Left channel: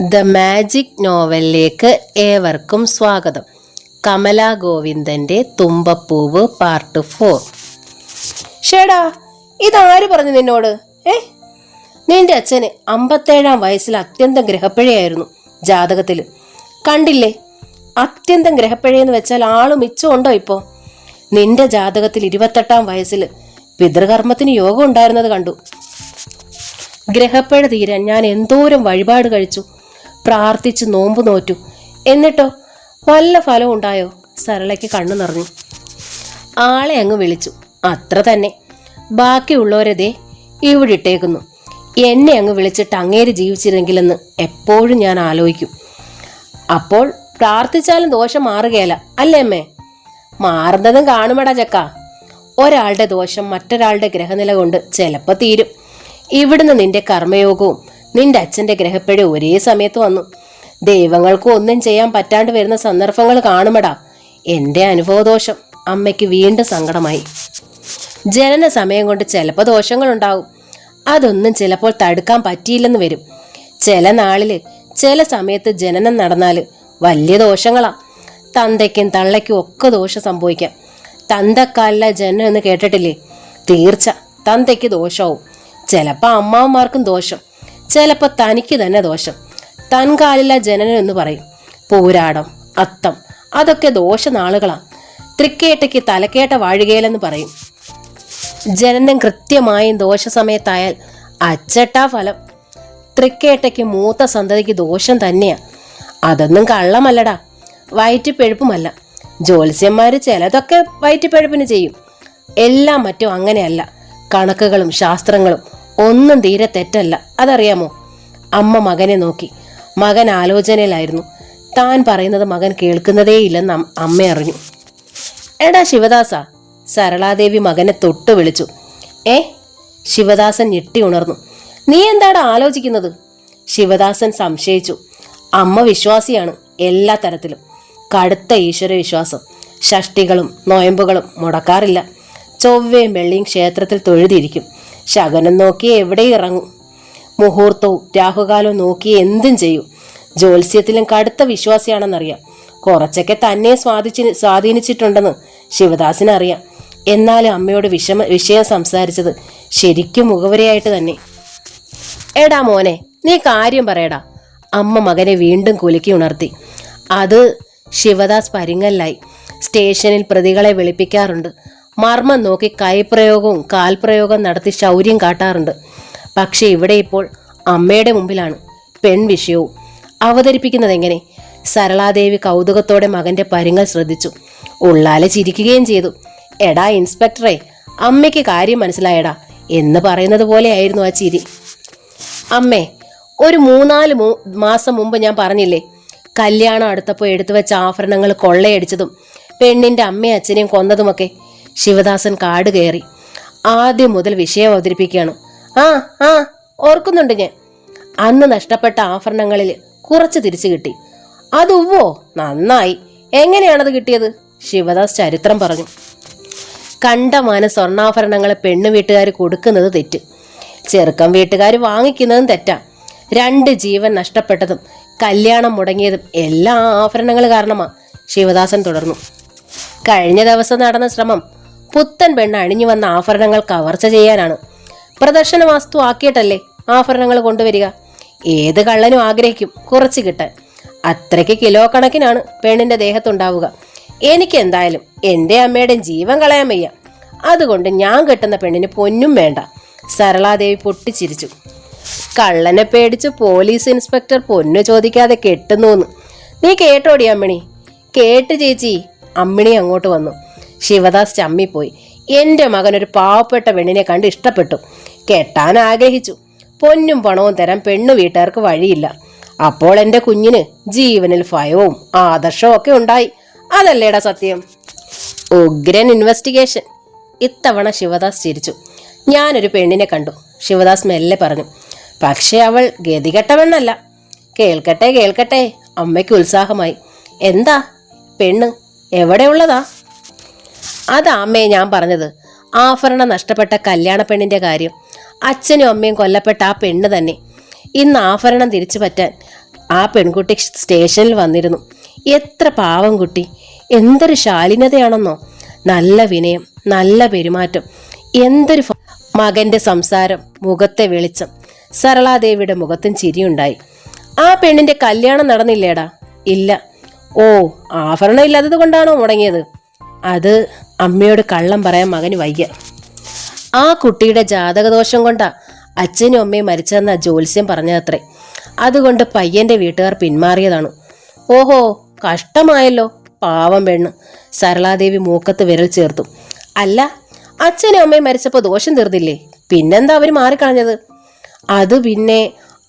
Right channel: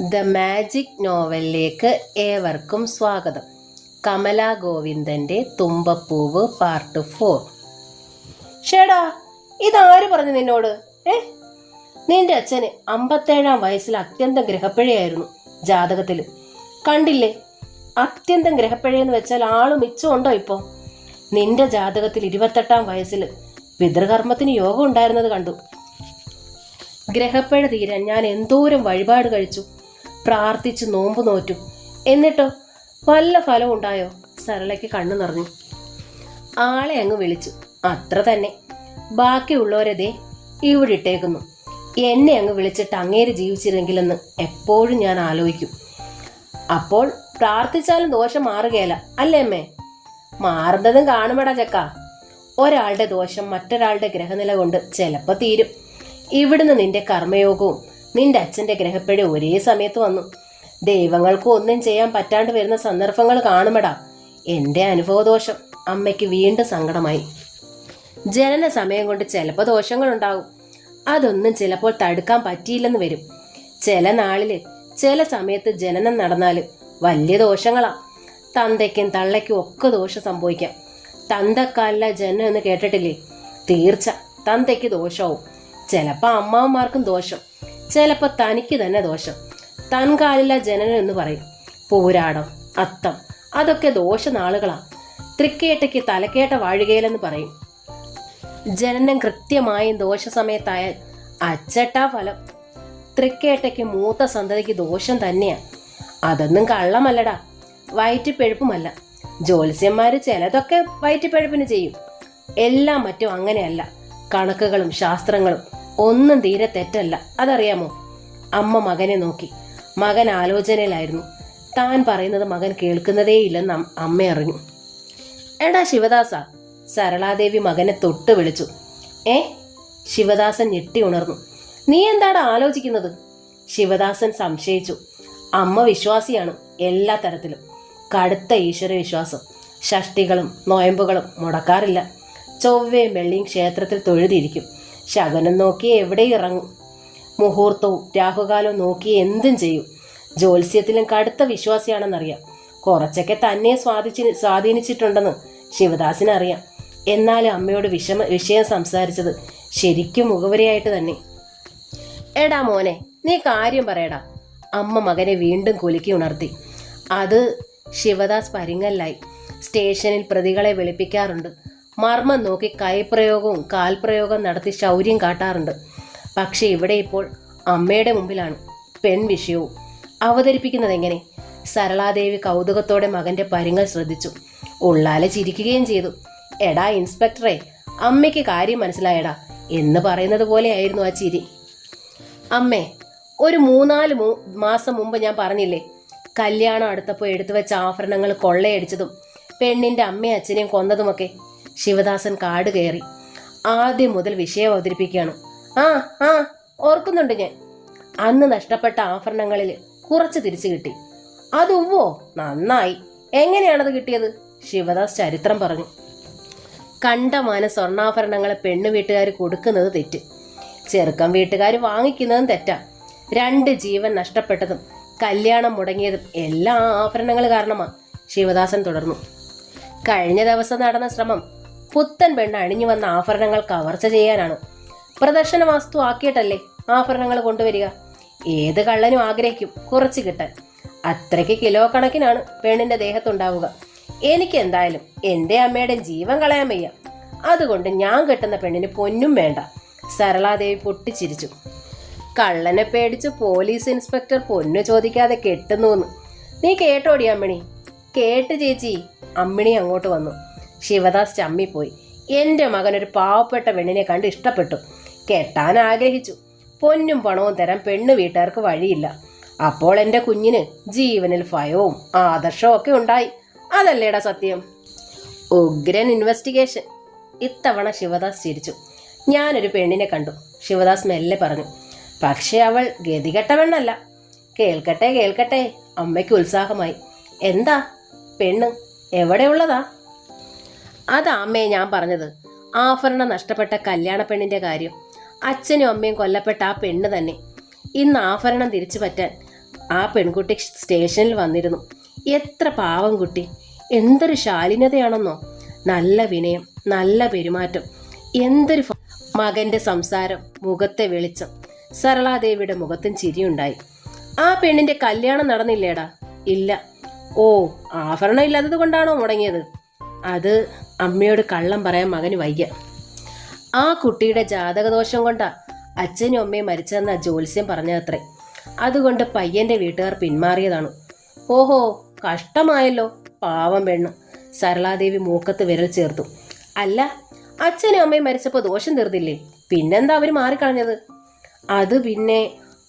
The magic നോവലിലേക്ക് ഏവർക്കും സ്വാഗതം. Kamala ഗോവിന്ദൻ്റെ തുമ്പപ്പൂവ് part 4. ഷേടാ, ഇതാര് പറഞ്ഞു നിന്നോട്? നിന്റെ അച്ഛന് 57-ാം വയസ്സിൽ അത്യന്തം ഗ്രഹപ്പിഴയായിരുന്നു ജാതകത്തിൽ. കണ്ടില്ലേ, അത്യന്തം ഗ്രഹപ്പിഴയെന്ന് വെച്ചാൽ ആള് മിച്ചമുണ്ടോ ഇപ്പോൾ? നിന്റെ ജാതകത്തിൽ 28-ാം വയസ്സിൽ പിതൃകർമ്മത്തിന് യോഗം ഉണ്ടായിരുന്നത് കണ്ടു. ഗ്രഹപ്പിഴ തീരാൻ ഞാൻ എന്തോരം വഴിപാട് കഴിച്ചു, പ്രാർത്ഥിച്ച് നോമ്പ് നോറ്റു. എന്നിട്ടോ വല്ല ഫലം ഉണ്ടായോ? സരളയ്ക്ക് കണ്ണു നിറഞ്ഞു. ആളെ അങ്ങ് വിളിച്ചു, അത്ര തന്നെ. ബാക്കിയുള്ളവരതേ ഇവിടെ ഇട്ടേക്കുന്നു. എന്നെ അങ്ങ് വിളിച്ചിട്ട് അങ്ങേര് ജീവിച്ചിരുന്നെങ്കിലെന്ന് എപ്പോഴും ഞാൻ ആലോചിക്കും. അപ്പോൾ പ്രാർത്ഥിച്ചാലും ദോഷം മാറുകയല്ല അല്ലേ അമ്മേ? മാറുന്നതും കാണുമടാ ചക്ക. ഒരാളുടെ ദോഷം മറ്റൊരാളുടെ ഗ്രഹനില കൊണ്ട് ചിലപ്പോൾ തീരും. ഇവിടുന്ന് നിന്റെ കർമ്മയോഗവും നിന്റെ അച്ഛൻ്റെ ഗ്രഹപ്പിഴ ഒരേ സമയത്ത് വന്നു. ദൈവങ്ങൾക്ക് ഒന്നും ചെയ്യാൻ പറ്റാണ്ട് വരുന്ന സന്ദർഭങ്ങൾ കാണുമടാ. എൻ്റെ അനുഭവദോഷം അമ്മയ്ക്ക് വീണ്ടും സങ്കടമായി. ജനന സമയം കൊണ്ട് ചിലപ്പോൾ ദോഷങ്ങളുണ്ടാകും. അതൊന്നും ചിലപ്പോൾ തടുക്കാൻ പറ്റിയില്ലെന്ന് വരും. ചില നാളിൽ ചില സമയത്ത് ജനനം നടന്നാൽ വലിയ ദോഷങ്ങളാ. തന്തയ്ക്കും തള്ളയ്ക്കും ഒക്കെ ദോഷം സംഭവിക്കാം. തന്തക്കാലില ജനനം എന്ന് കേട്ടിട്ടില്ലേ? തീർച്ച തന്തയ്ക്ക് ദോഷവും. ചിലപ്പോൾ അമ്മാവന്മാർക്കും ദോഷം, ചിലപ്പോൾ തനിക്ക് തന്നെ ദോഷം. തൻകാലില ജനനം എന്ന് പറയും. പൂരാടം, അത്തം അതൊക്കെ ദോഷനാളുകളാ. തൃക്കേട്ടയ്ക്ക് തലക്കേട്ട വാഴുകയിലെന്ന് പറയും. ജനനം കൃത്യമായും ദോഷസമയത്തായാൽ അച്ചട്ടാ ഫലം. തൃക്കേട്ടയ്ക്ക് മൂത്ത സന്തതിക്ക് ദോഷം തന്നെയാ. അതൊന്നും കള്ളമല്ലടാ, വയറ്റിപ്പഴുപ്പുമല്ല. ജ്യോത്സ്യന്മാർ ചിലതൊക്കെ വയറ്റിപ്പഴുപ്പിന് ചെയ്യും. എല്ലാം മറ്റും അങ്ങനെയല്ല. കണക്കുകളും ശാസ്ത്രങ്ങളും ഒന്നും തീരെ തെറ്റല്ല, അതറിയാമോ? അമ്മ മകനെ നോക്കി. മകൻ ആലോചനയിലായിരുന്നു. താൻ പറയുന്നത് മകൻ കേൾക്കുന്നതേയില്ലെന്ന് അമ്മ അറിഞ്ഞു. എടാ ശിവദാസ, സരളാദേവി മകനെ തൊട്ട് വിളിച്ചു. ശിവദാസൻ ഞെട്ടി ഉണർന്നു. നീ എന്താടാ ആലോചിക്കുന്നത്? ശിവദാസൻ സംശയിച്ചു. അമ്മ വിശ്വാസിയാണ് എല്ലാ തരത്തിലും. കടുത്ത ഈശ്വര വിശ്വാസം. ഷഷ്ടികളും നോയമ്പുകളും മുടക്കാറില്ല. ചൊവ്വയും വെള്ളിയും ക്ഷേത്രത്തിൽ തൊഴുതിരിക്കും. ശകനം നോക്കി എവിടെ ഇറങ്ങും. മുഹൂർത്തവും രാഹുകാലവും നോക്കി എന്തും ചെയ്യും. ജ്യോത്സ്യത്തിലും കടുത്ത വിശ്വാസിയാണെന്നറിയാം. കുറച്ചൊക്കെ തന്നെ സ്വാധീനിച്ചിട്ടുണ്ടെന്ന് ശിവദാസിനറിയാം. എന്നാലും അമ്മയോട് വിഷയം സംസാരിച്ചത് ശരിക്കും മുഖവരയായിട്ട് തന്നെ. എടാ മോനെ, നീ കാര്യം പറയടാ. അമ്മ മകനെ വീണ്ടും കുലുക്കി ഉണർത്തി. അത് ശിവദാസ് പരിങ്ങല്ലായി. സ്റ്റേഷനിൽ പ്രതികളെ വിളിപ്പിക്കാറുണ്ട്. മർമ്മം നോക്കി കൈപ്രയോഗവും കാൽപ്രയോഗം നടത്തി ശൗര്യം കാട്ടാറുണ്ട്. പക്ഷെ ഇവിടെ ഇപ്പോൾ അമ്മയുടെ മുമ്പിലാണ് പെൺവിഷയവും. അവതരിപ്പിക്കുന്നത് എങ്ങനെ? സരളാദേവി കൗതുകത്തോടെ മകന്റെ പരിങ്ങൽ ശ്രദ്ധിച്ചു. ഉള്ളാലെ ചിരിക്കുകയും ചെയ്തു. എടാ ഇൻസ്പെക്ടറെ, അമ്മയ്ക്ക് കാര്യം മനസ്സിലായടാ എന്ന് പറയുന്നത് പോലെയായിരുന്നു ആ ചിരി. അമ്മേ, ഒരു 3-4 മാസം മുമ്പ് ഞാൻ പറഞ്ഞില്ലേ, കല്യാണം അടുത്തപ്പോൾ എടുത്തു വെച്ച ആഭരണങ്ങൾ കൊള്ളയടിച്ചതും പെണ്ണിന്റെ അമ്മയും അച്ഛനെയും കൊന്നതുമൊക്കെ. ശിവദാസൻ കാട് കയറി. ആദ്യം മുതൽ വിഷയം അവതരിപ്പിക്കുകയാണ്. ആ ഓർക്കുന്നുണ്ട് ഞാൻ. അന്ന് നഷ്ടപ്പെട്ട ആഭരണങ്ങളിൽ കുറച്ച് തിരിച്ചു കിട്ടി. അതുവോ, നന്നായി. എങ്ങനെയാണത് കിട്ടിയത്? ശിവദാസ് ചരിത്രം പറഞ്ഞു. കണ്ടമാന സ്വർണ്ണാഭരണങ്ങൾ പെണ്ണു വീട്ടുകാർ കൊടുക്കുന്നത് തെറ്റ്. ചെറുക്കം വീട്ടുകാർ വാങ്ങിക്കുന്നതും തെറ്റാ. 2 ജീവൻ നഷ്ടപ്പെട്ടതും കല്യാണം മുടങ്ങിയതും എല്ലാ ആഭരണങ്ങൾ കാരണമാ. ശിവദാസൻ തുടർന്നു. കഴിഞ്ഞ ദിവസം നടന്ന ശ്രമം പുത്തൻ പെണ്ണ് അണിഞ്ഞു വന്ന ആഭരണങ്ങൾ കവർച്ച ചെയ്യാനാണ്. പ്രദർശന വസ്തു ആക്കിയിട്ടല്ലേ ആഭരണങ്ങൾ കൊണ്ടുവരിക. ഏത് കള്ളനും ആഗ്രഹിക്കും കുറച്ച് കിട്ടാൻ. അത്രയ്ക്ക് കിലോ കണക്കിനാണ് പെണ്ണിന്റെ ദേഹത്തുണ്ടാവുക. എനിക്ക് എന്തായാലും എൻ്റെ അമ്മയുടെ ജീവൻ കളയാൻ വയ്യ. അതുകൊണ്ട് ഞാൻ കെട്ടുന്ന പെണ്ണിന് പൊന്നും വേണ്ട. സരളാദേവി പൊട്ടിച്ചിരിച്ചു. കള്ളനെ പേടിച്ച് പോലീസ് ഇൻസ്പെക്ടർ പൊന്നു ചോദിക്കാതെ കെട്ടുന്നൂന്ന്. നീ കേട്ടോടി അമ്മിണി? കേട്ട് ചേച്ചി. അമ്മിണി അങ്ങോട്ട് വന്നു. ശിവദാസ് ചമ്മിപ്പോയി. എൻ്റെ മകൻ ഒരു പാവപ്പെട്ട പെണ്ണിനെ കണ്ട് ഇഷ്ടപ്പെട്ടു. കെട്ടാൻ ആഗ്രഹിച്ചു. പൊന്നും പണവും തരാൻ പെണ്ണു വീട്ടുകാർക്ക് വഴിയില്ല. അപ്പോൾ എൻ്റെ കുഞ്ഞിന് ജീവനിൽ ഭയവും ആദർശവും ഒക്കെ ഉണ്ടായി. അതല്ലേടാ സത്യം? ഉഗ്രൻ ഇൻവെസ്റ്റിഗേഷൻ. ഇത്തവണ ശിവദാസ് ചിരിച്ചു. ഞാനൊരു പെണ്ണിനെ കണ്ടു. ശിവദാസ് മെല്ലെ പറഞ്ഞു. പക്ഷെ അവൾ ഗതികെട്ട പെണ്ണല്ല. കേൾക്കട്ടെ. അമ്മയ്ക്ക് ഉത്സാഹമായി. എന്താ പെണ്ണ്? എവിടെയുള്ളതാ? അതാ അമ്മയെ ഞാൻ പറഞ്ഞത്. ആഭരണം നഷ്ടപ്പെട്ട കല്യാണ പെണ്ണിന്റെ കാര്യം. അച്ഛനും അമ്മയും കൊല്ലപ്പെട്ട ആ പെണ്ണ് തന്നെ. ഇന്ന് ആഭരണം തിരിച്ചു പറ്റാൻ ആ പെൺകുട്ടി സ്റ്റേഷനിൽ വന്നിരുന്നു. എത്ര പാവം കുട്ടി, എന്തൊരു ശാലീനതയാണെന്നോ. നല്ല വിനയം, നല്ല പെരുമാറ്റം, എന്തൊരു മകന്റെ സംസാരം, മുഖത്തെ വെളിച്ചം. സരളാദേവിയുടെ മുഖത്തും ചിരിയുണ്ടായി. ആ പെണ്ണിന്റെ കല്യാണം നടന്നില്ലേടാ? ഇല്ല. ഓ, ആഭരണം ഇല്ലാത്തത് കൊണ്ടാണോ മുടങ്ങിയത്? അത് അമ്മയോട് കള്ളം പറയാൻ മകന് വയ്യ. ആ കുട്ടിയുടെ ജാതകദോഷം കൊണ്ടാ അച്ഛനും അമ്മയും മരിച്ചതെന്ന ജ്യോത്സ്യം പറഞ്ഞതത്രേ. അതുകൊണ്ട് പയ്യന്റെ വീട്ടുകാർ പിന്മാറിയതാണ്. ഓഹോ, കഷ്ടമായല്ലോ, പാവം പെണ്ണ്. സരളാദേവി മൂക്കത്ത് വിരൽ ചേർത്തു. അല്ല, അച്ഛനും അമ്മയും മരിച്ചപ്പോൾ ദോഷം തീർന്നില്ലേ? പിന്നെന്താ അവർ മാറിക്കളഞ്ഞത്? അത് പിന്നെ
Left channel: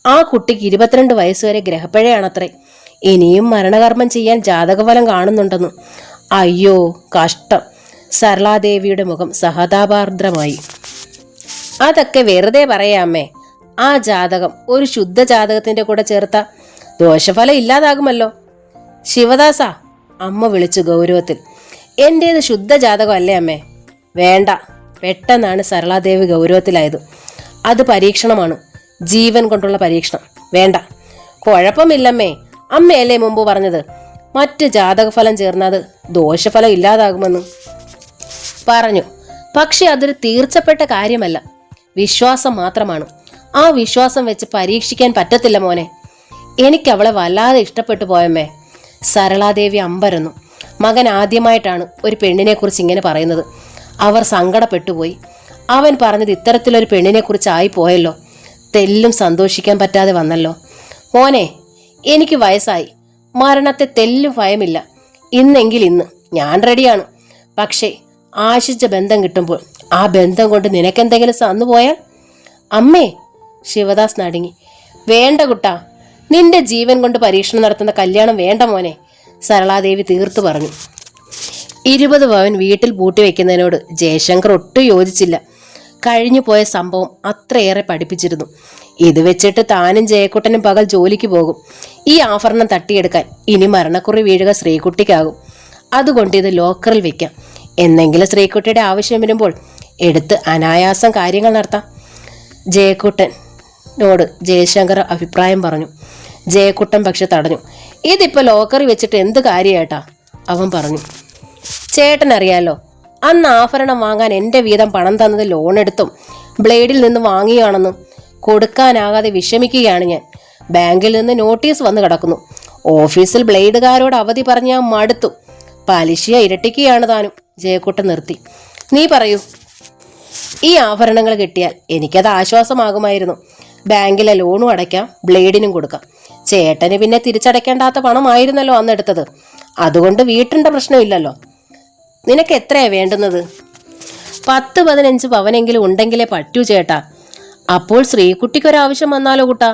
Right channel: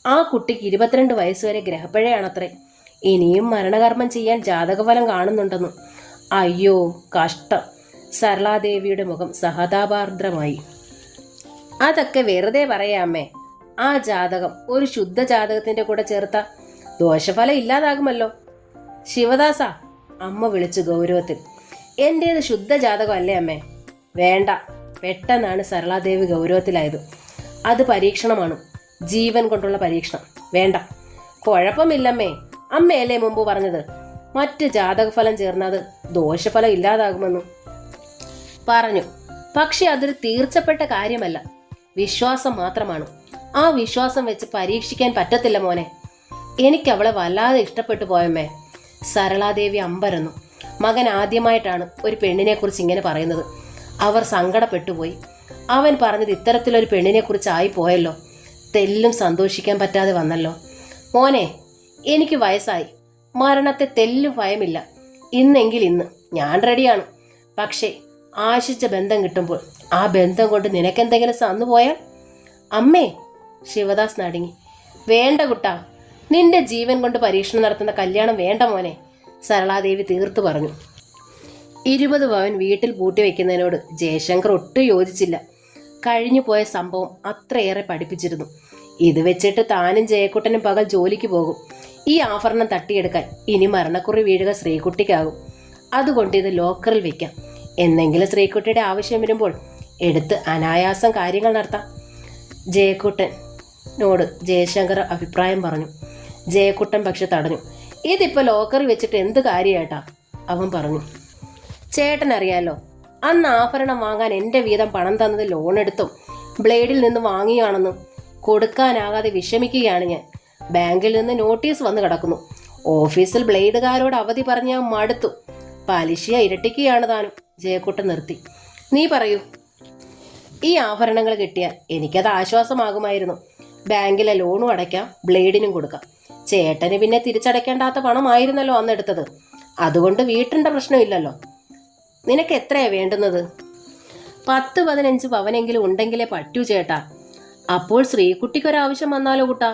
ആ കുട്ടിക്ക് 22 വയസ്സുവരെ ഗ്രഹപ്പിഴയാണത്രേ. ഇനിയും മരണകർമ്മം ചെയ്യാൻ ജാതകഫലം കാണുന്നുണ്ടെന്ന്. അയ്യോ, കഷ്ടം. സരളാദേവിയുടെ മുഖം സഹതാപാർദ്രമായി. അതൊക്കെ വെറുതെ പറയാമേ. ആ ജാതകം ഒരു ശുദ്ധ ജാതകത്തിന്റെ കൂടെ ചേർത്ത ദോഷഫലം ഇല്ലാതാകുമല്ലോ. ശിവദാസ, അമ്മ വിളിച്ചു ഗൗരവത്തിൽ. എന്റേത് ശുദ്ധ ജാതകം അല്ലേ അമ്മേ? വേണ്ട. പെട്ടെന്നാണ് സരളാദേവി ഗൗരവത്തിലായത്. അത് പരീക്ഷണമാണ്, ജീവൻ കൊണ്ടുള്ള പരീക്ഷണം. വേണ്ട. കുഴപ്പമില്ലമ്മേ, അമ്മയല്ലേ മുമ്പ് പറഞ്ഞത് മറ്റ് ജാതകഫലം ചേർന്നത് ദോഷഫലം ഇല്ലാതാകുമെന്ന് പറഞ്ഞു. പക്ഷെ അതൊരു തീർച്ചപ്പെട്ട കാര്യമല്ല, വിശ്വാസം മാത്രമാണ്. ആ വിശ്വാസം വെച്ച് പരീക്ഷിക്കാൻ പറ്റത്തില്ല മോനെ. എനിക്ക് അവളെ വല്ലാതെ ഇഷ്ടപ്പെട്ടു പോയമ്മേ. സരളാദേവി അമ്പരന്നു. മകൻ ആദ്യമായിട്ടാണ് ഒരു പെണ്ണിനെ കുറിച്ച് ഇങ്ങനെ പറയുന്നത്. അവർ സങ്കടപ്പെട്ടുപോയി. അവൻ പറഞ്ഞത് ഇത്തരത്തിലൊരു പെണ്ണിനെ കുറിച്ചായി പോയല്ലോ. തെല്ലും സന്തോഷിക്കാൻ പറ്റാതെ വന്നല്ലോ. മോനെ, എനിക്ക് വയസ്സായി, മരണത്തെ തെല്ലും ഭയമില്ല. ഇന്നെങ്കിൽ ഇന്ന് ഞാൻ റെഡിയാണ്. പക്ഷേ ആശിച്ച ബന്ധം കിട്ടുമ്പോൾ ആ ബന്ധം കൊണ്ട് നിനക്കെന്തെങ്കിലും സന്നു പോയാൽ? അമ്മേ, ശിവദാസ് നടുങ്ങി. വേണ്ട കുട്ടാ, നിന്റെ ജീവൻ കൊണ്ട് പരീക്ഷണം നടത്തുന്ന കല്യാണം വേണ്ട മോനെ, സരളാദേവി തീർത്തു പറഞ്ഞു. 20 പവൻ വീട്ടിൽ പൂട്ടിവെക്കുന്നതിനോട് ജയശങ്കർ ഒട്ടും യോജിച്ചില്ല. കഴിഞ്ഞു പോയ സംഭവം അത്രയേറെ പഠിപ്പിച്ചിരുന്നു. ഇത് വെച്ചിട്ട് താനും ജയക്കുട്ടനും പകൽ ജോലിക്ക് പോകും. ഈ ആഭരണം തട്ടിയെടുക്കാൻ ഇനി മരണക്കുറി വീഴുക ശ്രീകുട്ടിക്കാകും. അതുകൊണ്ട് ഇത് ലോക്കറിൽ വെക്കാം. എന്നെങ്കിലും ശ്രീകുട്ടിയുടെ ആവശ്യം വരുമ്പോൾ എടുത്ത് അനായാസം കാര്യങ്ങൾ നടത്താം. ജയക്കുട്ടനോട് ജയശങ്കർ അഭിപ്രായം പറഞ്ഞു. ജയക്കുട്ടൻ പക്ഷെ തടഞ്ഞു. ഇതിപ്പോൾ ലോക്കറിൽ വെച്ചിട്ട് എന്ത് കാര്യേട്ടാ, അവൻ പറഞ്ഞു. ചേട്ടൻ അറിയാലോ, അന്ന് ആഭരണം വാങ്ങാൻ എൻ്റെ വീതം പണം തന്നത് ലോൺ എടുത്തും ബ്ലേഡിൽ നിന്ന് വാങ്ങിയാണെന്ന്. കൊടുക്കാനാകാതെ വിഷമിക്കുകയാണ് ഞാൻ. ബാങ്കിൽ നിന്ന് നോട്ടീസ് വന്ന് കിടക്കുന്നു. ഓഫീസിൽ ബ്ലേഡുകാരോട് അവധി പറഞ്ഞ് ഞാൻ മടുത്തു. പലിശ ഇരട്ടിക്കുകയാണ് താനും. ജയക്കുട്ടൻ നിർത്തി. നീ പറയൂ. ഈ ആഭരണങ്ങൾ കിട്ടിയാൽ എനിക്കത് ആശ്വാസമാകുമായിരുന്നു. ബാങ്കിലെ ലോണും അടയ്ക്കാം, ബ്ലേഡിനും കൊടുക്കാം. ചേട്ടന് പിന്നെ തിരിച്ചടയ്ക്കേണ്ടാത്ത പണമായിരുന്നല്ലോ അന്നെടുത്തത്. അതുകൊണ്ട് വീട്ടിൻ്റെ പ്രശ്നമില്ലല്ലോ. നിനക്ക് എത്രയാ വേണ്ടുന്നത്? 10-15 പവനെങ്കിലും ഉണ്ടെങ്കിലേ പറ്റൂ ചേട്ടാ. അപ്പോൾ ശ്രീകുട്ടിക്കൊരാവശ്യം വന്നാലോ കുട്ടാ?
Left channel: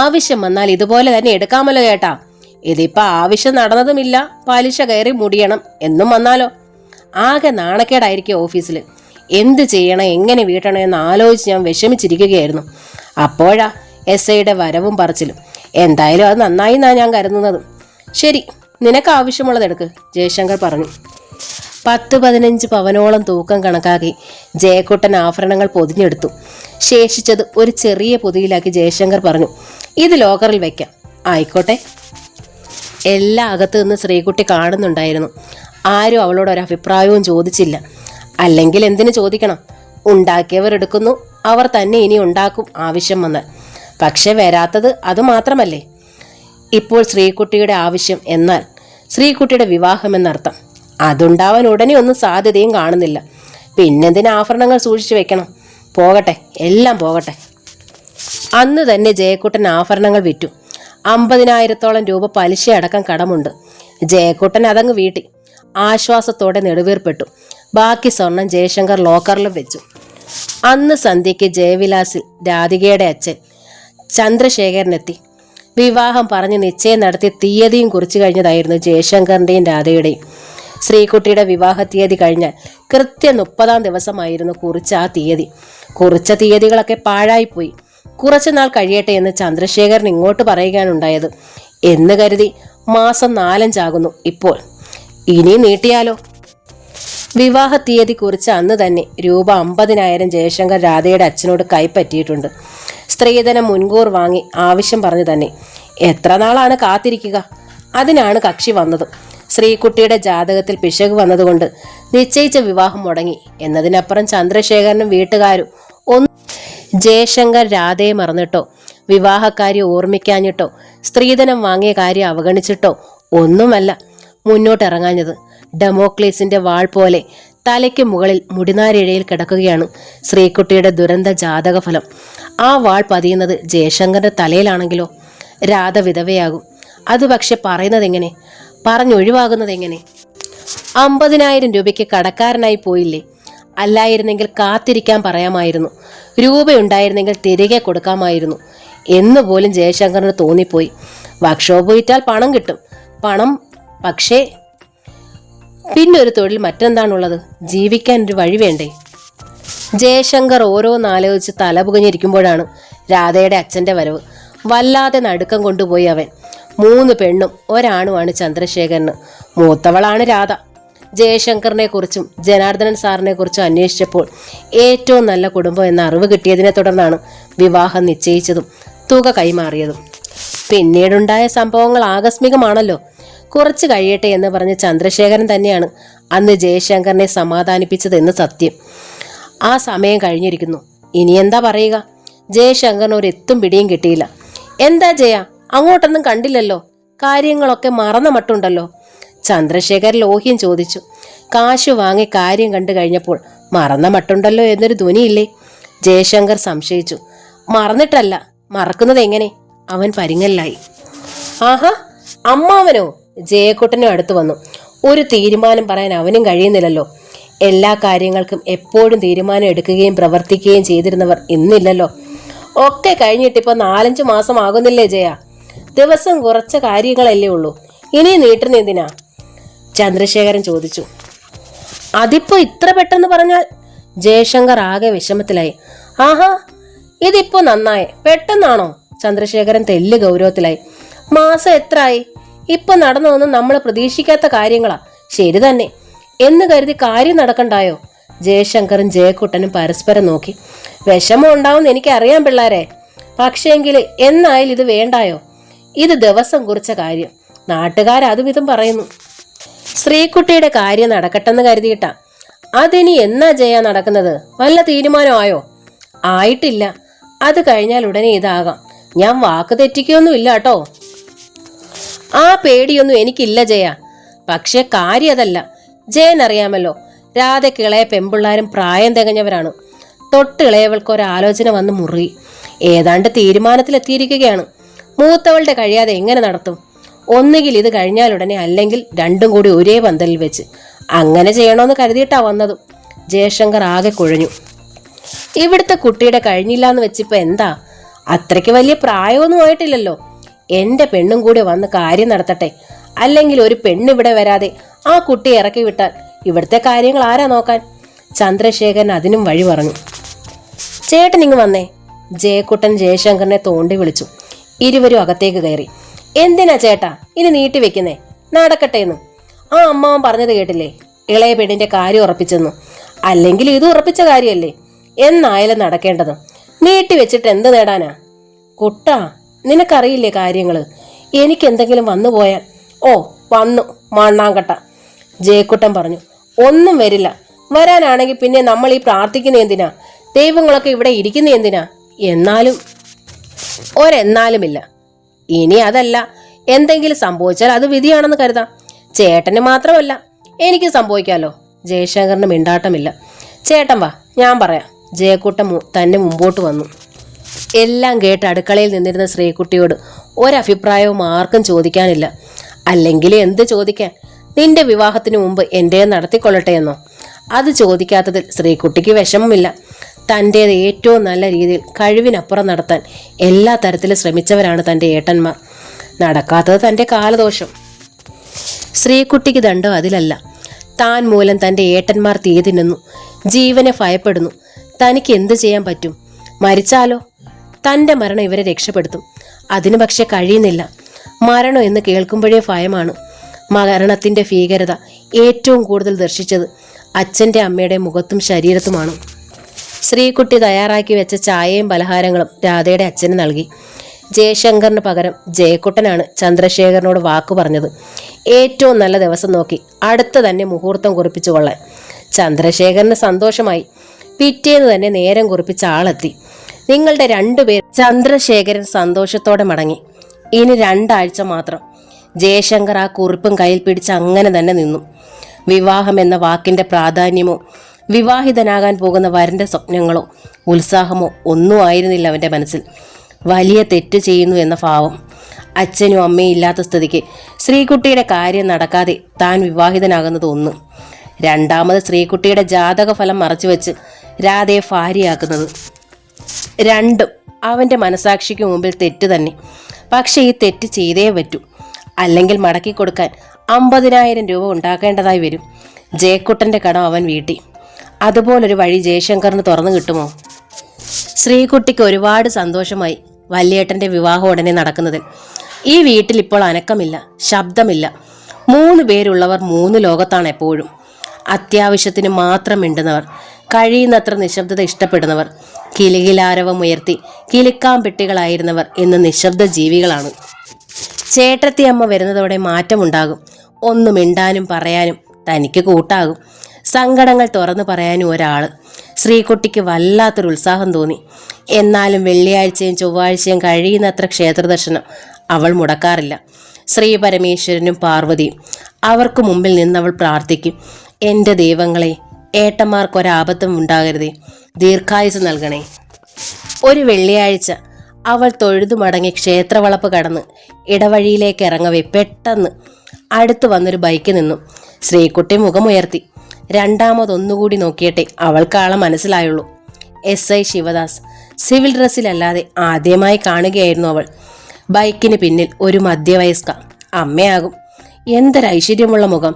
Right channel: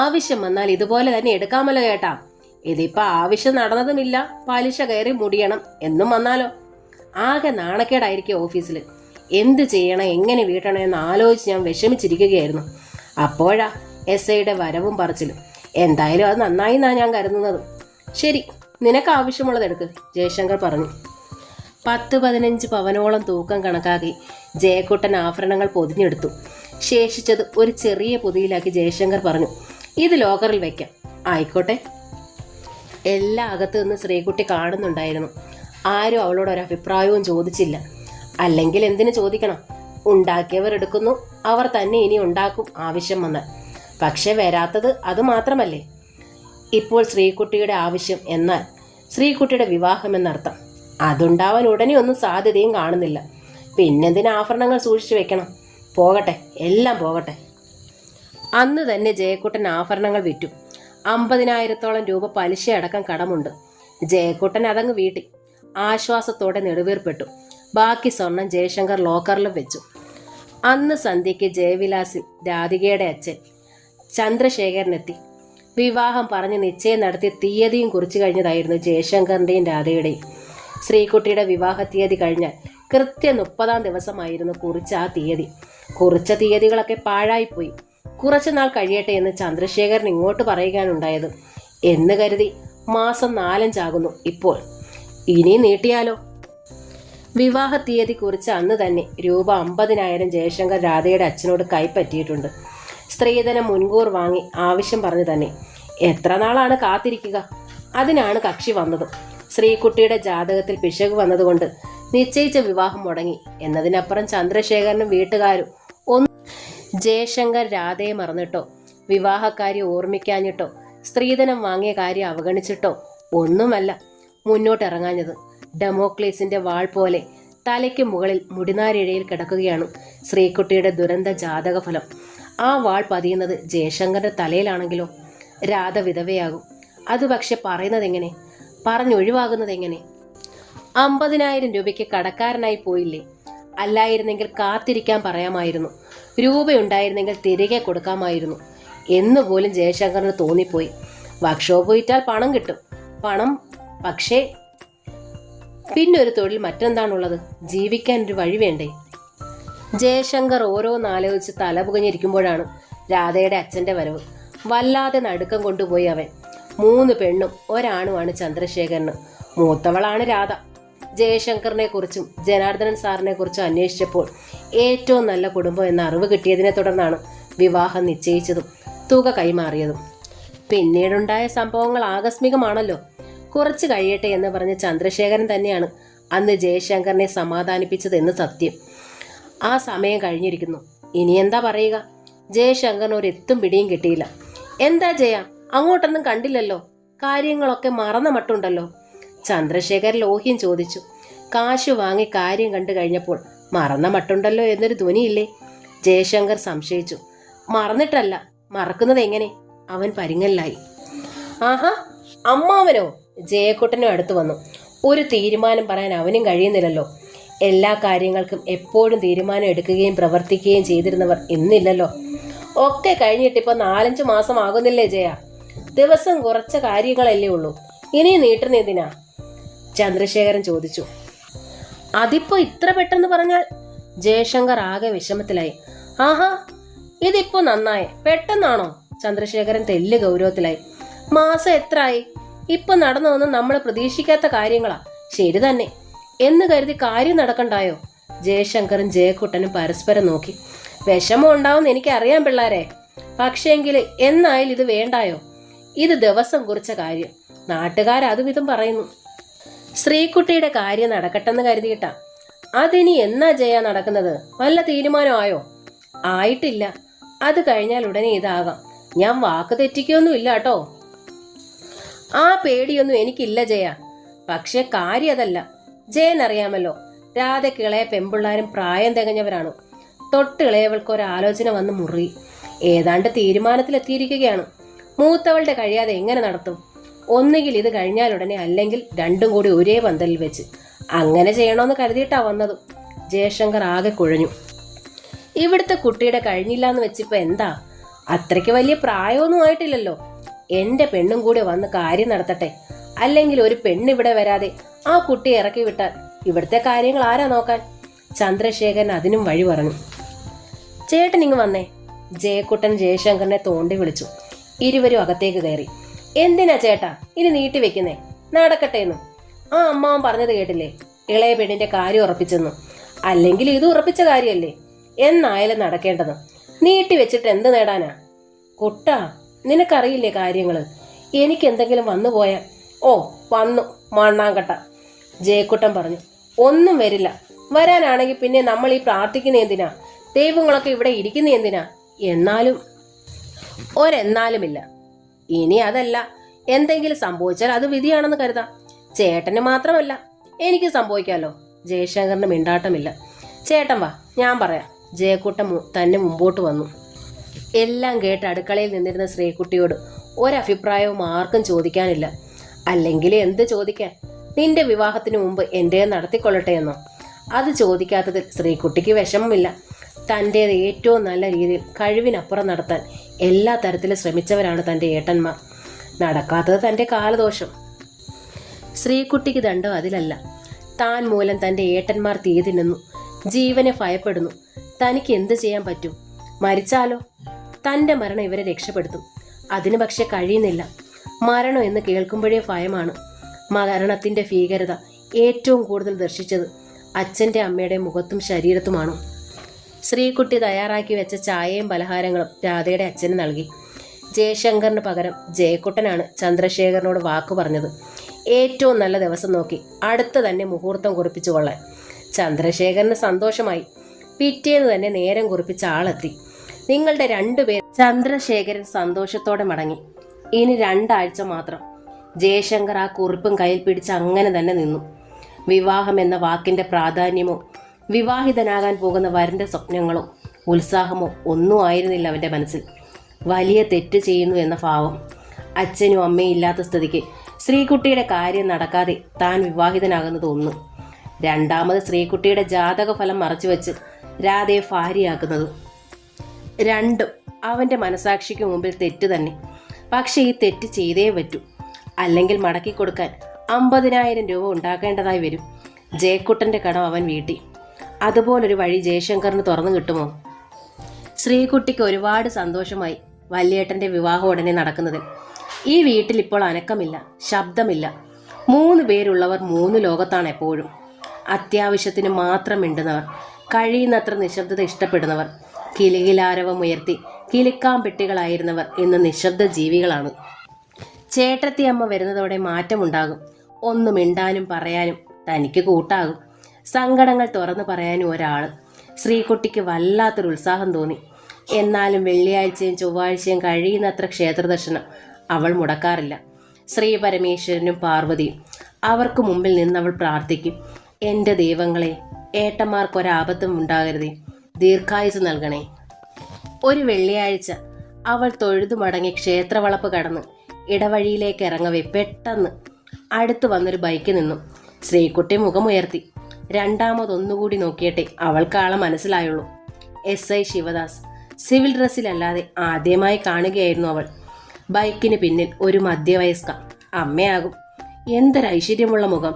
ആവശ്യം വന്നാൽ ഇതുപോലെ തന്നെ എടുക്കാമല്ലോ ചേട്ടാ. ഇതിപ്പോ ആവശ്യം നടന്നതുമില്ല, പലിശ കയറി മുടിയണം എന്നും വന്നാലോ? ആകെ നാണക്കേടായിരിക്കും ഓഫീസിൽ. എന്ത് ചെയ്യണം, എങ്ങനെ വീട്ടണം എന്ന് ആലോചിച്ച് ഞാൻ വിഷമിച്ചിരിക്കുകയായിരുന്നു. അപ്പോഴാ SIയുടെ വരവും പറച്ചിലും. എന്തായാലും അത് നന്നായി എന്നാണ് ഞാൻ കരുതുന്നത്. ശരി, നിനക്ക് ആവശ്യമുള്ളത് എടുക്ക്, ജയശങ്കർ പറഞ്ഞു. 10-15 പവനോളം തൂക്കം കണക്കാക്കി ജയക്കുട്ടൻ ആഭരണങ്ങൾ പൊതിഞ്ഞെടുത്തു. ശേഷിച്ചത് ഒരു ചെറിയ പൊതിയിലാക്കി ജയശങ്കർ പറഞ്ഞു. ഇത് ലോക്കറിൽ വെക്കാം. ആയിക്കോട്ടെ. എല്ലാ അകത്തു നിന്ന് ശ്രീകുട്ടി കാണുന്നുണ്ടായിരുന്നു. ആരും അവളോട് ഒരഭിപ്രായവും ചോദിച്ചില്ല. അല്ലെങ്കിൽ എന്തിനു ചോദിക്കണം? ഉണ്ടാക്കിയവർ എടുക്കുന്നു, അവർ തന്നെ ഇനി ഉണ്ടാക്കും ആവശ്യം വന്നാൽ. പക്ഷെ വരാത്തത് അത് മാത്രമല്ലേ. ഇപ്പോൾ ശ്രീകുട്ടിയുടെ ആവശ്യം എന്നാൽ ശ്രീകുട്ടിയുടെ വിവാഹം എന്നർത്ഥം. അതുണ്ടാവാൻ ഉടനെ ഒന്നും സാധ്യതയും കാണുന്നില്ല. പിന്നെന്തിന് ആഭരണങ്ങൾ സൂക്ഷിച്ചു വെക്കണം? പോകട്ടെ, എല്ലാം പോകട്ടെ. അന്ന് തന്നെ ജയക്കുട്ടൻ ആഭരണങ്ങൾ വിറ്റു. 50,000-ഓളം രൂപ പലിശ അടക്കം കടമുണ്ട്. ജയക്കുട്ടൻ അതങ്ങ് വീട്ടി. ആശ്വാസത്തോടെ നെടുവീർപ്പെട്ടു. ബാക്കി സ്വർണം ജയശങ്കർ ലോക്കറിലും വെച്ചു. അന്ന് സന്ധ്യയ്ക്ക് ജയവിലാസിൽ രാധികയുടെ അച്ഛൻ ചന്ദ്രശേഖരനെത്തി. വിവാഹം പറഞ്ഞ് നിശ്ചയം നടത്തി തീയതിയും കുറിച്ചു കഴിഞ്ഞതായിരുന്നു ജയശങ്കറിൻ്റെയും രാധയുടെയും. ശ്രീകുട്ടിയുടെ വിവാഹ തീയതി കഴിഞ്ഞാൽ കൃത്യം 30-ാം ദിവസമായിരുന്നു കുറിച്ച ആ തീയതി. കുറിച്ച തീയതികളൊക്കെ പാഴായിപ്പോയി. കുറച്ചുനാൾ കഴിയട്ടെ എന്ന് ചന്ദ്രശേഖരൻ ഇങ്ങോട്ട് പറയുകയാണുണ്ടായത്. എന്ന് കരുതി മാസം 4-5 ആകുന്നു ഇപ്പോൾ. ഇനി നീട്ടിയാലോ? വിവാഹ തീയതി കുറിച്ച് അന്ന് തന്നെ രൂപ 50,000 ജയശങ്കർ രാധയുടെ അച്ഛനോട് കൈപ്പറ്റിയിട്ടുണ്ട്. സ്ത്രീധനം മുൻകൂർ വാങ്ങി ആവശ്യം പറഞ്ഞു തന്നെ. എത്ര നാളാണ് കാത്തിരിക്കുക? അതിനാണ് കക്ഷി വന്നതും. ശ്രീകുട്ടിയുടെ ജാതകത്തിൽ പിശക് വന്നതുകൊണ്ട് നിശ്ചയിച്ച വിവാഹം മുടങ്ങി എന്നതിനപ്പുറം ചന്ദ്രശേഖരനും വീട്ടുകാരും ഒന്നും. ജയശങ്കർ രാധയെ മറന്നിട്ടോ, വിവാഹക്കാര്യം ഓർമ്മിക്കാഞ്ഞിട്ടോ, സ്ത്രീധനം വാങ്ങിയ കാര്യം അവഗണിച്ചിട്ടോ ഒന്നുമല്ല മുന്നോട്ടിറങ്ങാഞ്ഞത്. ഡെമോക്ലീസിന്റെ വാൾ പോലെ തലയ്ക്ക് മുകളിൽ മുടിനാരിഴയിൽ കിടക്കുകയാണ് ശ്രീകുട്ടിയുടെ ദുരന്ത ജാതകഫലം. ആ വാൾ പതിയുന്നത് ജയശങ്കറിന്റെ തലയിലാണെങ്കിലോ രാധ വിധവയാകും. അത് പക്ഷെ പറയുന്നതെങ്ങനെ, പറഞ്ഞൊഴിവാകുന്നതെങ്ങനെ? 50,000 രൂപയ്ക്ക് കടക്കാരനായി പോയില്ലേ? അല്ലായിരുന്നെങ്കിൽ കാത്തിരിക്കാൻ പറയാമായിരുന്നു. രൂപയുണ്ടായിരുന്നെങ്കിൽ തിരികെ കൊടുക്കാമായിരുന്നു എന്നുപോലും ജയശങ്കറിന് തോന്നിപ്പോയി. വർക്ക്ഷോപ്പ് വിറ്റാൽ പണം കിട്ടും. പണം, പക്ഷേ പിന്നൊരു തൊഴിൽ മറ്റെന്താണുള്ളത്? ജീവിക്കാൻ ഒരു വഴി വേണ്ടേ? ജയശങ്കർ ഓരോന്നാലോചിച്ച് തലപുകഞ്ഞിരിക്കുമ്പോഴാണ് രാധയുടെ അച്ഛൻ്റെ വരവ്. വല്ലാതെ നടുക്കം കൊണ്ടുപോയി അവൻ. 3 പെണ്ണും ഒരാണുമാണ് ചന്ദ്രശേഖരന്. മൂത്തവളാണ് രാധ. ജയശങ്കറിനെ കുറിച്ചും ജനാർദ്ദനൻ സാറിനെ കുറിച്ചും അന്വേഷിച്ചപ്പോൾ ഏറ്റവും നല്ല കുടുംബം എന്ന അറിവ് കിട്ടിയതിനെ തുടർന്നാണ് വിവാഹം നിശ്ചയിച്ചതും തുക കൈമാറിയതും. പിന്നീടുണ്ടായ സംഭവങ്ങൾ ആകസ്മികമാണല്ലോ. കുറച്ച് കഴിയട്ടെ എന്ന് പറഞ്ഞ് ചന്ദ്രശേഖരൻ തന്നെയാണ് അന്ന് ജയശങ്കറിനെ സമാധാനിപ്പിച്ചതെന്ന് സത്യം. ആ സമയം കഴിഞ്ഞിരിക്കുന്നു. ഇനി എന്താ പറയുക? ജയശങ്കറിന് ഒരെത്തും പിടിയും കിട്ടിയില്ല. എന്താ ജയ, അങ്ങോട്ടൊന്നും കണ്ടില്ലല്ലോ, കാര്യങ്ങളൊക്കെ മറന്ന മട്ടുണ്ടല്ലോ? ചന്ദ്രശേഖർ ലോഹ്യം ചോദിച്ചു. കാശു വാങ്ങി കാര്യം കണ്ടു കഴിഞ്ഞപ്പോൾ മറന്ന മട്ടുണ്ടല്ലോ എന്നൊരു ധ്വനിയില്ലേ? ജയശങ്കർ സംശയിച്ചു. മറന്നിട്ടല്ല, മറക്കുന്നത് എങ്ങനെ? അവൻ പരിങ്ങലിലായി. ആഹാ, അമ്മാവനോ? ജയക്കുട്ടനും അടുത്ത് വന്നു. ഒരു തീരുമാനം പറയാൻ അവനും കഴിയുന്നില്ലല്ലോ. എല്ലാ കാര്യങ്ങൾക്കും എപ്പോഴും തീരുമാനം എടുക്കുകയും പ്രവർത്തിക്കുകയും ചെയ്തിരുന്നവർ ഇന്നില്ലല്ലോ. ഒക്കെ കഴിഞ്ഞിട്ടിപ്പോൾ 4-5 മാസം ആകുന്നില്ലേ ജയ? ദിവസം കുറച്ച കാര്യങ്ങളല്ലേ ഉള്ളൂ, ഇനി നീട്ടുന്ന എന്തിനാ? ചന്ദ്രശേഖരൻ ചോദിച്ചു. അതിപ്പോ ഇത്ര പെട്ടെന്ന് പറഞ്ഞാൽ? ജയശങ്കർ ആകെ വിഷമത്തിലായി. ആഹാ, ഇതിപ്പോ നന്നായേ, പെട്ടെന്നാണോ? ചന്ദ്രശേഖരൻ തെല്ല് ഗൗരവത്തിലായി. മാസം എത്രയായി? ഇപ്പൊ നടന്നതൊന്നും നമ്മൾ പ്രതീക്ഷിക്കാത്ത കാര്യങ്ങളാ. ശരി തന്നെ എന്ന് കരുതി കാര്യം നടക്കണ്ടായോ? ജയശങ്കറും ജയക്കുട്ടനും പരസ്പരം നോക്കി. വിഷമം ഉണ്ടാവുമെന്ന് എനിക്കറിയാം പിള്ളേരെ, പക്ഷേങ്കിൽ എന്നായാലും ഇത് വേണ്ടായോ? ഇത് ദിവസം കുറിച്ച കാര്യം, നാട്ടുകാരതുവിധം പറയുന്നു. ശ്രീകുട്ടിയുടെ കാര്യം നടക്കട്ടെന്ന് കരുതിയിട്ടാ. അതിനി എന്നാ ജയ നടക്കുന്നത്? വല്ല തീരുമാനമായോ? ആയിട്ടില്ല. അത് കഴിഞ്ഞാൽ ഉടനെ ഇതാകാം. ഞാൻ വാക്ക് തെറ്റിക്കൊന്നുമില്ല കേട്ടോ. ആ പേടിയൊന്നും എനിക്കില്ല ജയ. പക്ഷെ കാര്യം അതല്ല. ജയനറിയാമല്ലോ, രാധയ്ക്ക് ഇളയ പെമ്പിള്ളാരും പ്രായം തികഞ്ഞവരാണ്. തൊട്ടിളയവൾക്ക് ഒരാലോചന വന്ന് മുറുകി. ഏതാണ്ട് തീരുമാനത്തിലെത്തിയിരിക്കുകയാണ്. മൂത്തവളുടെ കഴിയാതെ എങ്ങനെ നടത്തും? ഒന്നുകിൽ ഇത് കഴിഞ്ഞാലുടനെ, അല്ലെങ്കിൽ രണ്ടും കൂടി ഒരേ പന്തലിൽ വെച്ച്. അങ്ങനെ ചെയ്യണമെന്ന് കരുതിയിട്ടാ വന്നതും. ജയശങ്കർ ആകെ കുഴഞ്ഞു. ഇവിടുത്തെ കുട്ടിയുടെ കഴിഞ്ഞില്ല എന്ന് വെച്ചിപ്പോ എന്താ? അത്രയ്ക്ക് വലിയ പ്രായമൊന്നും ആയിട്ടില്ലല്ലോ. എന്റെ പെണ്ണും കൂടി വന്ന് കാര്യം നടത്തട്ടെ. അല്ലെങ്കിൽ ഒരു പെണ്ണിവിടെ വരാതെ ആ കുട്ടിയെ ഇറക്കി വിട്ടാൽ ഇവിടുത്തെ കാര്യങ്ങൾ ആരാ നോക്കാൻ? ചന്ദ്രശേഖരൻ അതിനും വഴി പറഞ്ഞു. ചേട്ടൻ ഇങ്ങ് വന്നേ. ജയക്കുട്ടൻ ജയശങ്കറിനെ തോണ്ടി വിളിച്ചു. ഇരുവരും അകത്തേക്ക് കയറി. എന്തിനാ ചേട്ടാ ഇനി നീട്ടി വെക്കുന്നേ? നടക്കട്ടെ എന്ന് ആ അമ്മാവൻ പറഞ്ഞത് കേട്ടില്ലേ? ഇളയ പെണ്ണിന്റെ കാര്യം ഉറപ്പിച്ചെന്നു. അല്ലെങ്കിൽ ഇത് ഉറപ്പിച്ച കാര്യമല്ലേ? എന്നായാലും നടക്കേണ്ടത്. നീട്ടി വെച്ചിട്ട് എന്ത് നേടാനാ? കുട്ടാ, നിനക്കറിയില്ലേ കാര്യങ്ങള്? എനിക്കെന്തെങ്കിലും വന്നു പോയാൽ? ഓ വന്നു മണ്ണാങ്കട്ട. ജയക്കുട്ടൻ പറഞ്ഞു. ഒന്നും വരില്ല. വരാനാണെങ്കിൽ പിന്നെ നമ്മൾ ഈ പ്രാർത്ഥിക്കുന്ന എന്തിനാ? ദൈവങ്ങളൊക്കെ ഇവിടെ ഇരിക്കുന്ന എന്തിനാ? എന്നാലും ഒരെന്നാലുമില്ല. ഇനി അതല്ല, എന്തെങ്കിലും സംഭവിച്ചാൽ അത് വിധിയാണെന്ന് കരുതാം. ചേട്ടന് മാത്രമല്ല, എനിക്ക് സംഭവിക്കാമല്ലോ. ജയശങ്കറിന് മിണ്ടാട്ടമില്ല. ചേട്ടൻ വാ, ഞാൻ പറയാം. ജയക്കുട്ടൻ തന്നെ മുമ്പോട്ട് വന്നു. എല്ലാം കേട്ട് അടുക്കളയിൽ നിന്നിരുന്ന ശ്രീകുട്ടിയോട് ഒരഭിപ്രായവും ആർക്കും ചോദിക്കാനില്ല. അല്ലെങ്കിൽ എന്ത് ചോദിക്കാൻ? നിന്റെ വിവാഹത്തിന് മുമ്പ് എൻ്റെ നടത്തിക്കൊള്ളട്ടെ എന്നോ? അത് ചോദിക്കാത്തതിൽ ശ്രീകുട്ടിക്ക് വിഷമമില്ല. തൻ്റേത് ഏറ്റവും നല്ല രീതിയിൽ കഴിവിനപ്പുറം നടത്താൻ എല്ലാ തരത്തിലും ശ്രമിച്ചവരാണ് തൻ്റെ ഏട്ടന്മാർ. നടക്കാത്തത് തൻ്റെ കാലദോഷം. ശ്രീകുട്ടിക്ക് ദണ്ഡം അതിലല്ല. താൻ മൂലം തൻ്റെ ഏട്ടന്മാർ തീ തിന്നുന്നു, ജീവനെ ഭയപ്പെടുന്നു. തനിക്ക് എന്ത് ചെയ്യാൻ പറ്റും? മരിച്ചാലോ? തൻ്റെ മരണം ഇവരെ രക്ഷപ്പെടുത്തും. അതിന് പക്ഷെ കഴിയുന്നില്ല. മരണം എന്ന് കേൾക്കുമ്പോഴേ ഭയമാണ്. മരണത്തിൻ്റെ ഭീകരത ഏറ്റവും കൂടുതൽ ദർശിച്ചത് അച്ഛൻ്റെ അമ്മയുടെ മുഖത്തും ശരീരത്തുമാണ്. ശ്രീകുട്ടി തയ്യാറാക്കി വെച്ച ചായയും പലഹാരങ്ങളും രാധയുടെ അച്ഛന് നൽകി. ജയശങ്കറിന് പകരം ജയക്കുട്ടനാണ് ചന്ദ്രശേഖരനോട് വാക്കു പറഞ്ഞത്. ഏറ്റവും നല്ല ദിവസം നോക്കി അടുത്ത തന്നെ മുഹൂർത്തം കുറിപ്പിച്ചു കൊള്ളാൻ. ചന്ദ്രശേഖരന് സന്തോഷമായി. പിറ്റേന്ന് തന്നെ നേരം കുറിപ്പിച്ച ആളെത്തി. നിങ്ങളുടെ രണ്ടുപേർ. ചന്ദ്രശേഖരൻ സന്തോഷത്തോടെ മടങ്ങി. ഇനി 2 ആഴ്ച മാത്രം. ജയശങ്കർ ആ കുറിപ്പും കയ്യിൽ പിടിച്ച് അങ്ങനെ തന്നെ നിന്നു. വിവാഹം എന്ന വാക്കിന്റെ പ്രാധാന്യമോ വിവാഹിതനാകാൻ പോകുന്ന വരന്റെ സ്വപ്നങ്ങളോ ഉത്സാഹമോ ഒന്നും ആയിരുന്നില്ല അവന്റെ മനസ്സിൽ. വലിയ തെറ്റ് ചെയ്യുന്നു എന്ന ഭാവം. അച്ഛനും അമ്മയും ഇല്ലാത്ത സ്ഥിതിക്ക് ശ്രീകുട്ടിയുടെ കാര്യം നടക്കാതെ താൻ വിവാഹിതനാകുന്നത് ഒന്ന്. രണ്ടാമത് ശ്രീകുട്ടിയുടെ ജാതക ഫലം മറച്ചുവെച്ച് രാധയെ ഭാര്യയാക്കുന്നത്. രണ്ടും അവന്റെ മനസാക്ഷിക്ക് മുമ്പിൽ തെറ്റ് തന്നെ. പക്ഷെ ഈ തെറ്റ് ചെയ്തേ പറ്റൂ. അല്ലെങ്കിൽ മടക്കി കൊടുക്കാൻ 50,000 രൂപ ഉണ്ടാക്കേണ്ടതായി വരും. ജയക്കുട്ടന്റെ കടം അവൻ വീട്ടി. അതുപോലൊരു വഴി ജയശങ്കറിന് തുറന്നു കിട്ടുമോ? ശ്രീകുട്ടിക്ക് ഒരുപാട് സന്തോഷമായി വല്യേട്ടന്റെ വിവാഹം ഉടനെ നടക്കുന്നതിൽ. ഈ വീട്ടിൽ ഇപ്പോൾ അനക്കമില്ല, ശബ്ദമില്ല. 3 പേരുള്ളവർ 3 ലോകത്താണ് എപ്പോഴും. അത്യാവശ്യത്തിന് മാത്രം മിണ്ടുന്നവർ, കഴിയുന്നത്ര നിശബ്ദത ഇഷ്ടപ്പെടുന്നവർ, കിലുകിലാരവം ഉയർത്തി കിലുക്കാൻ പെട്ടികളായിരുന്നവർ ഇന്ന് നിശബ്ദ ജീവികളാണ്. ചേട്ടത്തി അമ്മ വരുന്നതോടെ മാറ്റമുണ്ടാകും. ഒന്ന് മിണ്ടാനും പറയാനും തനിക്ക് കൂട്ടാകും. സങ്കടങ്ങൾ തുറന്നു പറയാനും ഒരാൾ. ശ്രീകുട്ടിക്ക് വല്ലാത്തൊരു ഉത്സാഹം തോന്നി. എന്നാലും വെള്ളിയാഴ്ചയും ചൊവ്വാഴ്ചയും കഴിയുന്നത്ര ക്ഷേത്രദർശനം അവൾ മുടക്കാറില്ല. ശ്രീ പരമേശ്വരനും പാർവതിയും. അവർക്ക് മുമ്പിൽ നിന്നവൾ പ്രാർത്ഥിക്കും. എൻ്റെ ദൈവങ്ങളെ, ഏട്ടന്മാർക്കൊരാപത്തും ഉണ്ടാകരുതേ, ദീർഘായുസ് നൽകണേ. ഒരു വെള്ളിയാഴ്ച അവൾ തൊഴുതു മടങ്ങി ക്ഷേത്രവളപ്പ് കടന്ന് ഇടവഴിയിലേക്ക് ഇറങ്ങവേ പെട്ടെന്ന് അടുത്ത് വന്നൊരു ബൈക്ക് നിന്നു. ശ്രീകുട്ടി മുഖമുയർത്തി. രണ്ടാമതൊന്നുകൂടി നോക്കിയിട്ടേ അവൾക്കാളെ മനസ്സിലായുള്ളൂ. SI ശിവദാസ്. സിവിൽ ഡ്രസ്സിലല്ലാതെ ആദ്യമായി കാണുകയായിരുന്നു അവൾ. ബൈക്കിന് പിന്നിൽ ഒരു മധ്യവയസ്ക. അമ്മയാകും. എന്തൊരൈശ്വര്യമുള്ള മുഖം.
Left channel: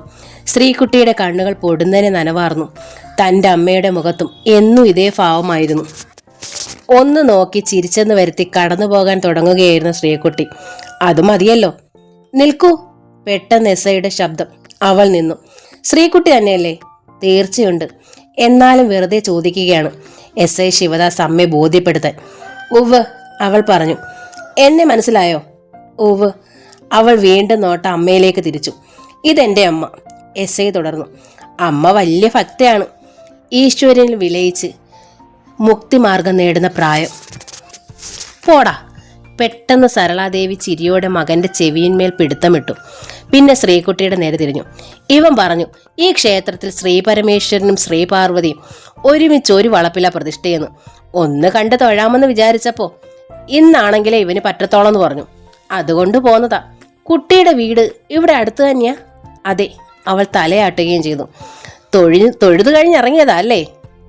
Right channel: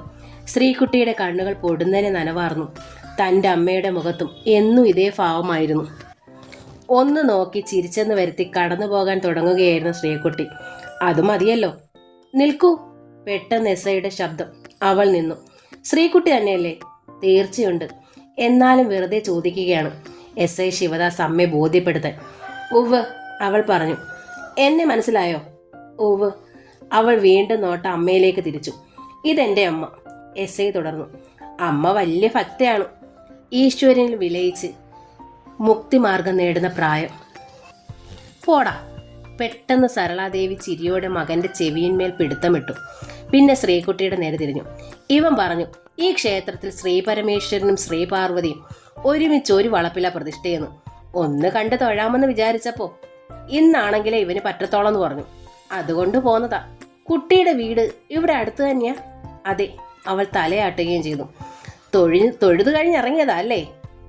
ശ്രീകുട്ടിയുടെ കണ്ണുകൾ പൊടുന്നതിനെ നനവാർന്നു. തൻ്റെ അമ്മയുടെ മുഖത്തും എന്നും ഇതേ ഭാവമായിരുന്നു. ഒന്ന് നോക്കി ചിരിച്ചെന്ന് വരുത്തി കടന്നു പോകാൻ തുടങ്ങുകയായിരുന്നു ശ്രീകുട്ടി. അത് മതിയല്ലോ. നിൽക്കൂ. പെട്ടെന്ന് SIയുടെ ശബ്ദം. അവൾ നിന്നു. ശ്രീകുട്ടി തന്നെയല്ലേ? തീർച്ചയുണ്ട്. എന്നാലും വെറുതെ ചോദിക്കുകയാണ്. SI ശിവദാസ് അമ്മയെ ബോധ്യപ്പെടുത്താൻ. ഉവ്, അവൾ പറഞ്ഞു. എന്നെ മനസ്സിലായോ? ഉവ്. അവൾ വീണ്ടും നോട്ട അമ്മയിലേക്ക് തിരിച്ചു. ഇതെന്റെ അമ്മ. SI തുടർന്നു. അമ്മ വലിയ ഭക്തയാണ്. ഈശ്വരനിൽ വിലയിച്ച് മുക്തിമാർഗം നേടുന്ന പ്രായം. പോടാ. പെട്ടെന്ന് സരളാദേവി ചിരിയോടെ മകന്റെ ചെവിയിന്മേൽ പിടുത്തമിട്ടു. പിന്നെ ശ്രീകുട്ടിയുടെ നേരെ തിരിഞ്ഞു. ഇവൻ പറഞ്ഞു, ഈ ക്ഷേത്രത്തിൽ ശ്രീ പരമേശ്വരനും ശ്രീ പാർവതിയും ഒരുമിച്ച് ഒരു വളപ്പില പ്രതിഷ്ഠയെന്ന്. ഒന്ന് കണ്ട് തൊഴാമെന്ന് വിചാരിച്ചപ്പോ ഇന്നാണെങ്കിലേ ഇവന് പറ്റത്തോളം എന്ന് പറഞ്ഞു. അതുകൊണ്ട് പോന്നതാ. കുട്ടിയുടെ വീട് ഇവിടെ അടുത്ത് തന്നെയാ? അതെ. അവൾ തലയാട്ടുകയും ചെയ്തു. തൊഴുതു കഴിഞ്ഞിറങ്ങിയതാ അല്ലേ?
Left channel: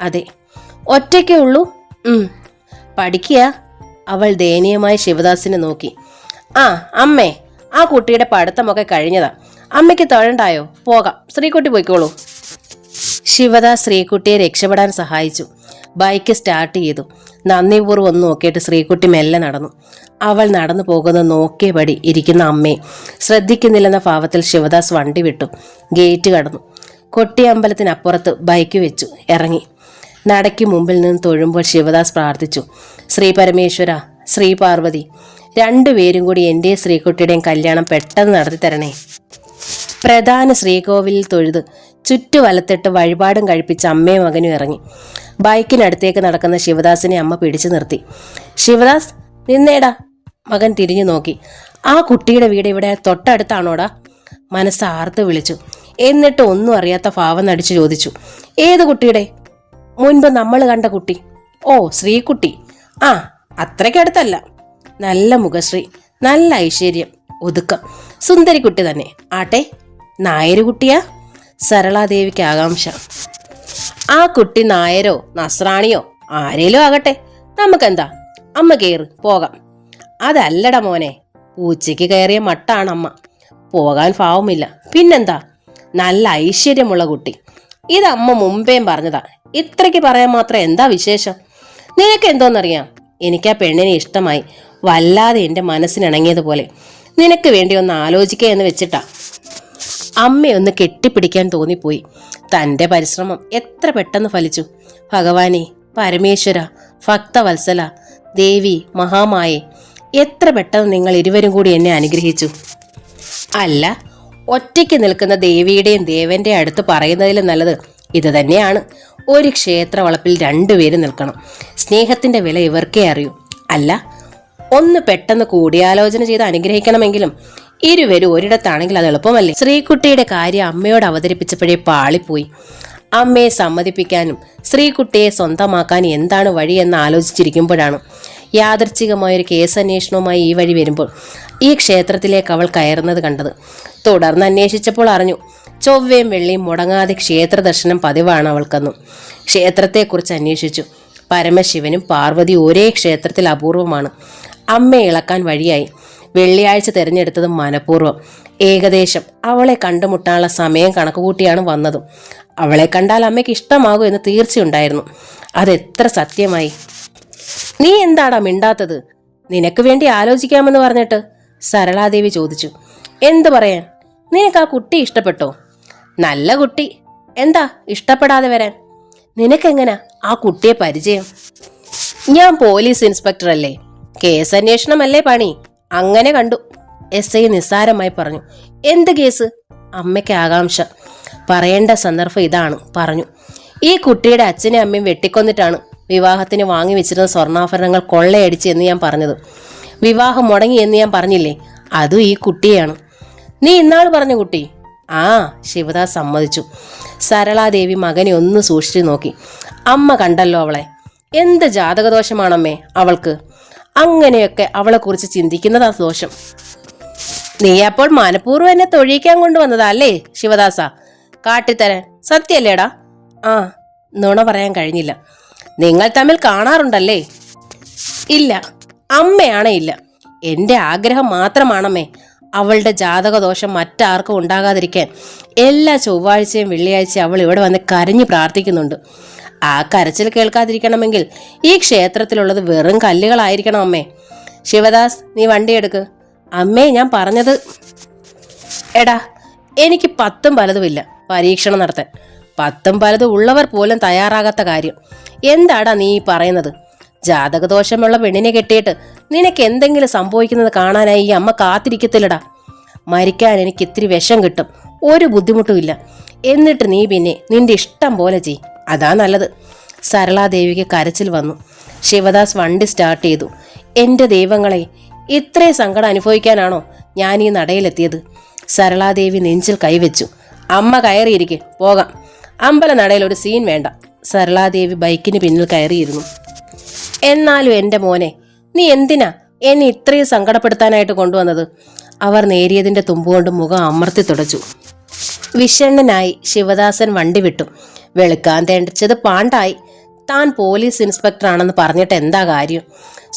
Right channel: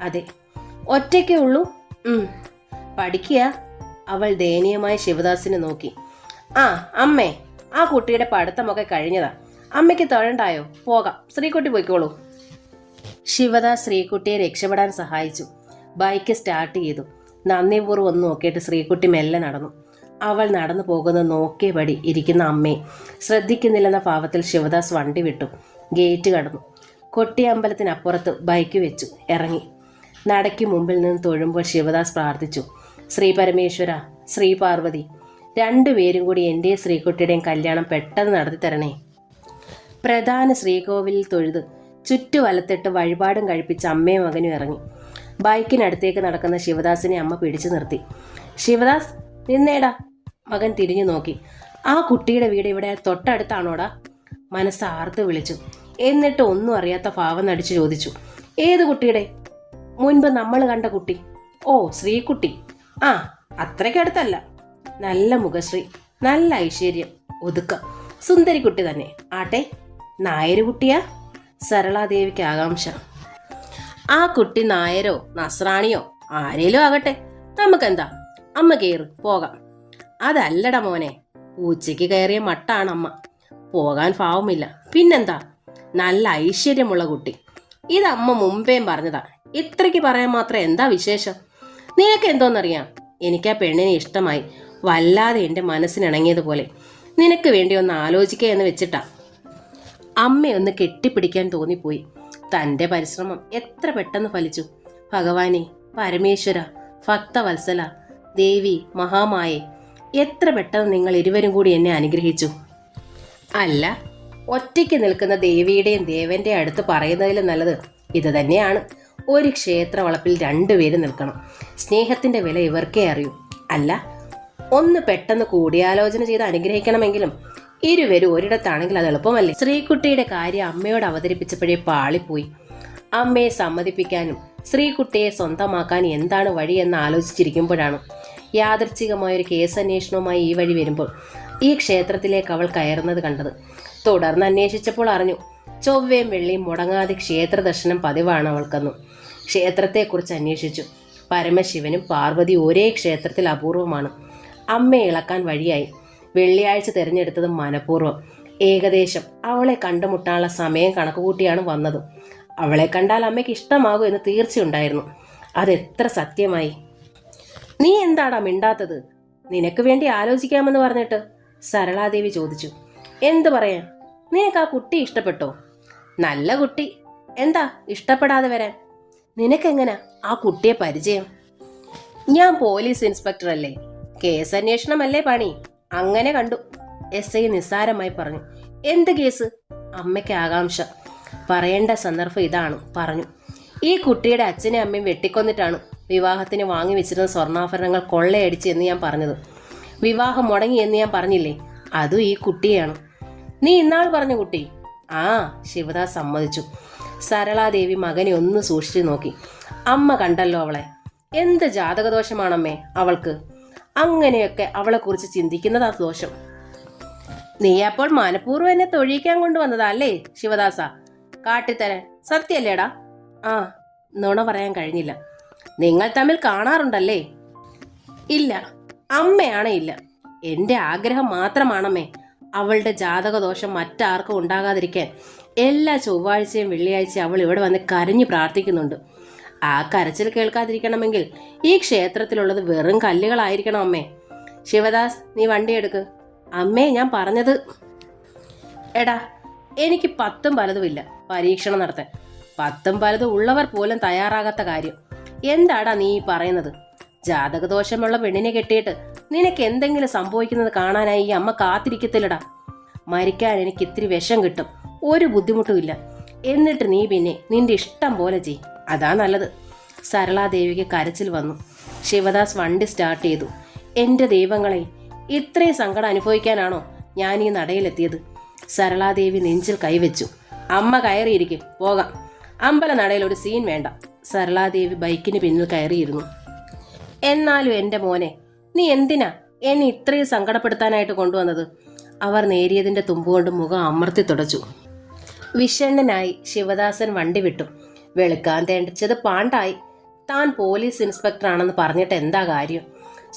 അതെ. ഒറ്റയ്ക്കേ ഉള്ളൂ? പഠിക്കുക. അവൾ ദയനീയമായി ശിവദാസിനെ നോക്കി. ആ അമ്മേ, ആ കുട്ടിയുടെ പഠിത്തമൊക്കെ കഴിഞ്ഞതാ. അമ്മയ്ക്ക് തൊഴണ്ടായോ? പോകാം, ശ്രീകുട്ടി പോയിക്കോളൂ. ശിവദാസ് ശ്രീകുട്ടിയെ രക്ഷപ്പെടാൻ സഹായിച്ചു. ബൈക്ക് സ്റ്റാർട്ട് ചെയ്തു. നന്ദിപൂർവ്വം ഒന്ന് നോക്കിയിട്ട് ശ്രീകുട്ടി മെല്ലെ നടന്നു. അവൾ നടന്നു പോകുന്ന നോക്കിയപടി ഇരിക്കുന്ന അമ്മയെ ശ്രദ്ധിക്കുന്നില്ലെന്ന ഭാവത്തിൽ ശിവദാസ് വണ്ടി വിട്ടു. ഗേറ്റ് കടന്നു. കൊട്ടിയമ്പലത്തിനപ്പുറത്ത് ബൈക്ക് വെച്ചു ഇറങ്ങി. നടയ്ക്ക് മുമ്പിൽ നിന്ന് തൊഴുമ്പോൾ ശിവദാസ് പ്രാർത്ഥിച്ചു. ശ്രീ പരമേശ്വര, ശ്രീ പാർവതി, 2 പേരും കൂടി എൻ്റെ ശ്രീകുട്ടിയുടെയും കല്യാണം പെട്ടെന്ന് നടത്തി തരണേ. പ്രധാന ശ്രീകോവിലിൽ തൊഴുത് ചുറ്റുവലത്തിട്ട് വഴിപാടും കഴിപ്പിച്ച് അമ്മയും മകനും ഇറങ്ങി. ബൈക്കിനടുത്തേക്ക് നടക്കുന്ന ശിവദാസിനെ അമ്മ പിടിച്ചു നിർത്തി. ശിവദാസ്, നിന്നേടാ. മകൻ തിരിഞ്ഞു നോക്കി. ആ കുട്ടിയുടെ വീട് ഇവിടെ തൊട്ടടുത്താണോടാ? മനസ്സാർത്ത് വിളിച്ചു. എന്നിട്ട് ഒന്നും അറിയാത്ത ഭാവം നടിച്ചു ചോദിച്ചു. ഏത് കുട്ടിയുടെ? മുൻപ് നമ്മൾ കണ്ട കുട്ടി. ഓ, ശ്രീകുട്ടി. ആ, അത്രയ്ക്കടുത്തല്ല. നല്ല മുഖശ്രീ, നല്ല ഐശ്വര്യം, ഒതുക്കം, സുന്ദരി കുട്ടി തന്നെ. ആട്ടെ, നായര് കുട്ടിയാ? സരളാദേവിക്ക് ആകാംക്ഷ. ആ കുട്ടി നായരോ നസ്രാണിയോ ആരേലും ആകട്ടെ, നമുക്കെന്താ? അമ്മ കയറ്, പോകാം. അതല്ലട മോനെ, പൂച്ചയ്ക്ക് കയറിയ മട്ടാണ് അമ്മ. പോകാൻ ഭാവമില്ല. പിന്നെന്താ? നല്ല ഐശ്വര്യമുള്ള കുട്ടി. ഇതമ്മ മുമ്പേം പറഞ്ഞതാ. ഇത്രയ്ക്ക് പറയാൻ മാത്രം എന്താ വിശേഷം? നിനക്ക് എന്തോന്നറിയാം? എനിക്ക് ആ പെണ്ണിനെ ഇഷ്ടമായി. വല്ലാതെ എൻ്റെ മനസ്സിനിണങ്ങിയതുപോലെ. നിനക്ക് വേണ്ടി ഒന്ന് ആലോചിക്കുക എന്ന് വെച്ചിട്ടാ. അമ്മയൊന്ന് കെട്ടിപ്പിടിക്കാൻ തോന്നിപ്പോയി. തൻ്റെ പരിശ്രമം എത്ര പെട്ടെന്ന് ഫലിച്ചു. ഭഗവാനെ, പരമേശ്വര, ഭക്തവത്സല, ദേവി, മഹാമായെ, എത്ര പെട്ടെന്ന് നിങ്ങൾ ഇരുവരും കൂടി എന്നെ അനുഗ്രഹിച്ചു. അല്ല, ഒറ്റയ്ക്ക് നിൽക്കുന്ന ദേവിയുടെയും ദേവന്റെ അടുത്ത് പറയുന്നതിലും നല്ലത് ഇത് തന്നെയാണ്. ഒരു ക്ഷേത്ര വളപ്പിൽ രണ്ടുപേരും നിൽക്കണം. സ്നേഹത്തിന്റെ വില ഇവർക്കേ അറിയൂ. അല്ല, ഒന്ന് പെട്ടെന്ന് കൂടിയാലോചന ചെയ്ത് അനുഗ്രഹിക്കണമെങ്കിലും ഇരുവരും ഒരിടത്താണെങ്കിൽ അത് എളുപ്പമല്ലേ? ശ്രീകുട്ടിയുടെ കാര്യം അമ്മയോട് അവതരിപ്പിച്ചപ്പോഴേ പാളിപ്പോയി. അമ്മയെ സമ്മതിപ്പിക്കാനും ശ്രീകുട്ടിയെ സ്വന്തമാക്കാനും എന്താണ് വഴിയെന്ന് ആലോചിച്ചിരിക്കുമ്പോഴാണ് യാദൃച്ഛികമായൊരു കേസന്വേഷണവുമായി ഈ വഴി വരുമ്പോൾ ഈ ക്ഷേത്രത്തിലേക്ക് അവൾ കയറുന്നത് കണ്ടത്. തുടർന്ന് അന്വേഷിച്ചപ്പോൾ അറിഞ്ഞു, ചൊവ്വയും വെള്ളിയും മുടങ്ങാതെ ക്ഷേത്ര ദർശനം പതിവാണ് അവൾക്കെന്നും. ക്ഷേത്രത്തെക്കുറിച്ച് അന്വേഷിച്ചു. പരമശിവനും പാർവതി ഒരേ ക്ഷേത്രത്തിൽ അപൂർവമാണ്. അമ്മയെ ഇളക്കാൻ വഴിയായി. വെള്ളിയാഴ്ച തിരഞ്ഞെടുത്തത് മനഃപൂർവ്വം. ഏകദേശം അവളെ കണ്ടുമുട്ടാനുള്ള സമയം കണക്കുകൂട്ടിയാണ് വന്നതും. അവളെ കണ്ടാൽ അമ്മയ്ക്ക് ഇഷ്ടമാകും എന്ന് തീർച്ചയുണ്ടായിരുന്നു. അതെത്ര സത്യമായി. നീ എന്താടാ മിണ്ടാത്തത്? നിനക്ക് വേണ്ടി ആലോചിക്കാമെന്ന് പറഞ്ഞിട്ട് സരളാദേവി ചോദിച്ചു. എന്തു പറയാൻ? നിനക്ക് ആ കുട്ടി ഇഷ്ടപ്പെട്ടോ? നല്ല കുട്ടി. എന്താ ഇഷ്ടപ്പെടാതെ വരാൻ? നിനക്കെങ്ങനെ ആ കുട്ടിയെ പരിചയം? ഞാൻ പോലീസ് ഇൻസ്പെക്ടർ അല്ലേ, കേസന്വേഷണമല്ലേ പണി, അങ്ങനെ കണ്ടു. SI നിസ്സാരമായി പറഞ്ഞു. എന്ത് കേസ്? അമ്മയ്ക്ക് ആകാംക്ഷ. പറയേണ്ട സന്ദർഭം ഇതാണ്, പറഞ്ഞു. ഈ കുട്ടിയുടെ അച്ഛനും അമ്മയും വെട്ടിക്കൊന്നിട്ടാണ് വിവാഹത്തിന് വാങ്ങി വെച്ചിരുന്ന സ്വർണ്ണാഭരണങ്ങൾ കൊള്ളയടിച്ച് എന്ന് ഞാൻ പറഞ്ഞത്. വിവാഹം മുടങ്ങി എന്ന് ഞാൻ പറഞ്ഞില്ലേ, അതും ഈ കുട്ടിയാണ്. നീ ഇന്നാൾ പറഞ്ഞ കുട്ടി? ആ, ശിവദാസ് സമ്മതിച്ചു. സരളാദേവി മകനെ ഒന്ന് സൂക്ഷിച്ചു നോക്കി. അമ്മ കണ്ടല്ലോ അവളെ. എന്ത് ജാതകദോഷമാണമ്മേ അവൾക്ക്? അങ്ങനെയൊക്കെ അവളെക്കുറിച്ച് ചിന്തിക്കുന്നതാ ദോഷം. നീ അപ്പോൾ മനഃപൂർവ്വം എന്നെ തൊഴിയിക്കാൻ കൊണ്ടുവന്നതാ അല്ലേ ശിവദാസ? കാട്ടിത്തരാൻ. സത്യല്ലേടാ? ആ, നുണ പറയാൻ കഴിഞ്ഞില്ല. നിങ്ങൾ തമ്മിൽ കാണാറുണ്ടല്ലേ? ഇല്ല. അമ്മയാണേ ഇല്ല. എൻ്റെ ആഗ്രഹം മാത്രമാണമ്മേ അവളുടെ ജാതകദോഷം മറ്റാർക്കും ഉണ്ടാകാതിരിക്കാൻ എല്ലാ ചൊവ്വാഴ്ചയും വെള്ളിയാഴ്ചയും അവൾ ഇവിടെ വന്ന് കരഞ്ഞു പ്രാർത്ഥിക്കുന്നുണ്ട്. ആ കരച്ചിൽ കേൾക്കാതിരിക്കണമെങ്കിൽ ഈ ക്ഷേത്രത്തിലുള്ളത് വെറും കല്ലുകളായിരിക്കണം അമ്മേ. ശിവദാസ്, നീ വണ്ടി എടുക്ക്. അമ്മേ, ഞാൻ പറഞ്ഞത്. എടാ, എനിക്ക് 10 പലതുമില്ല പരീക്ഷണം നടത്താൻ. 10 പലതും ഉള്ളവർ പോലും തയ്യാറാകാത്ത കാര്യം എന്താടാ നീ പറയുന്നത്? ജാതകദോഷമുള്ള പെണ്ണിനെ കെട്ടിയിട്ട് നിനക്ക് എന്തെങ്കിലും സംഭവിക്കുന്നത് കാണാനായി ഈ അമ്മ കാത്തിരിക്കത്തില്ലടാ. മരിക്കാൻ എനിക്ക് ഇത്തിരി വിഷം കിട്ടും, ഒരു ബുദ്ധിമുട്ടുമില്ല. എന്നിട്ട് നീ പിന്നെ നിന്റെ ഇഷ്ടം പോലെ ചെയ്, അതാ നല്ലത്. സരളാദേവിക്ക് കരച്ചിൽ വന്നു. ശിവദാസ് വണ്ടി സ്റ്റാർട്ട് ചെയ്തു. എൻ്റെ ദൈവങ്ങളെ, ഇത്രയും സങ്കടം അനുഭവിക്കാനാണോ ഞാൻ ഈ നടയിലെത്തിയത്? സരളാദേവി നെഞ്ചിൽ കൈവച്ചു. അമ്മ കയറിയിരിക്കെ, പോകാം. അമ്പലനടയിൽ ഒരു സീൻ വേണ്ട. സരളാദേവി ബൈക്കിന് പിന്നിൽ കയറിയിരുന്നു. എന്നാലും എൻ്റെ മോനെ, നീ എന്തിനാ എന്നെ ഇത്രയും സങ്കടപ്പെടുത്താനായിട്ട് കൊണ്ടുവന്നത്? അവർ നേരിയതിൻ്റെ തുമ്പുകൊണ്ട് മുഖം അമർത്തി തുടച്ചു. വിഷണ്ണനായി ശിവദാസൻ വണ്ടി വിട്ടു. വെളുക്കാൻ തേണ്ടിച്ചത് പാണ്ടായി. താൻ പോലീസ് ഇൻസ്പെക്ടറാണെന്ന് പറഞ്ഞിട്ട് എന്താ കാര്യം?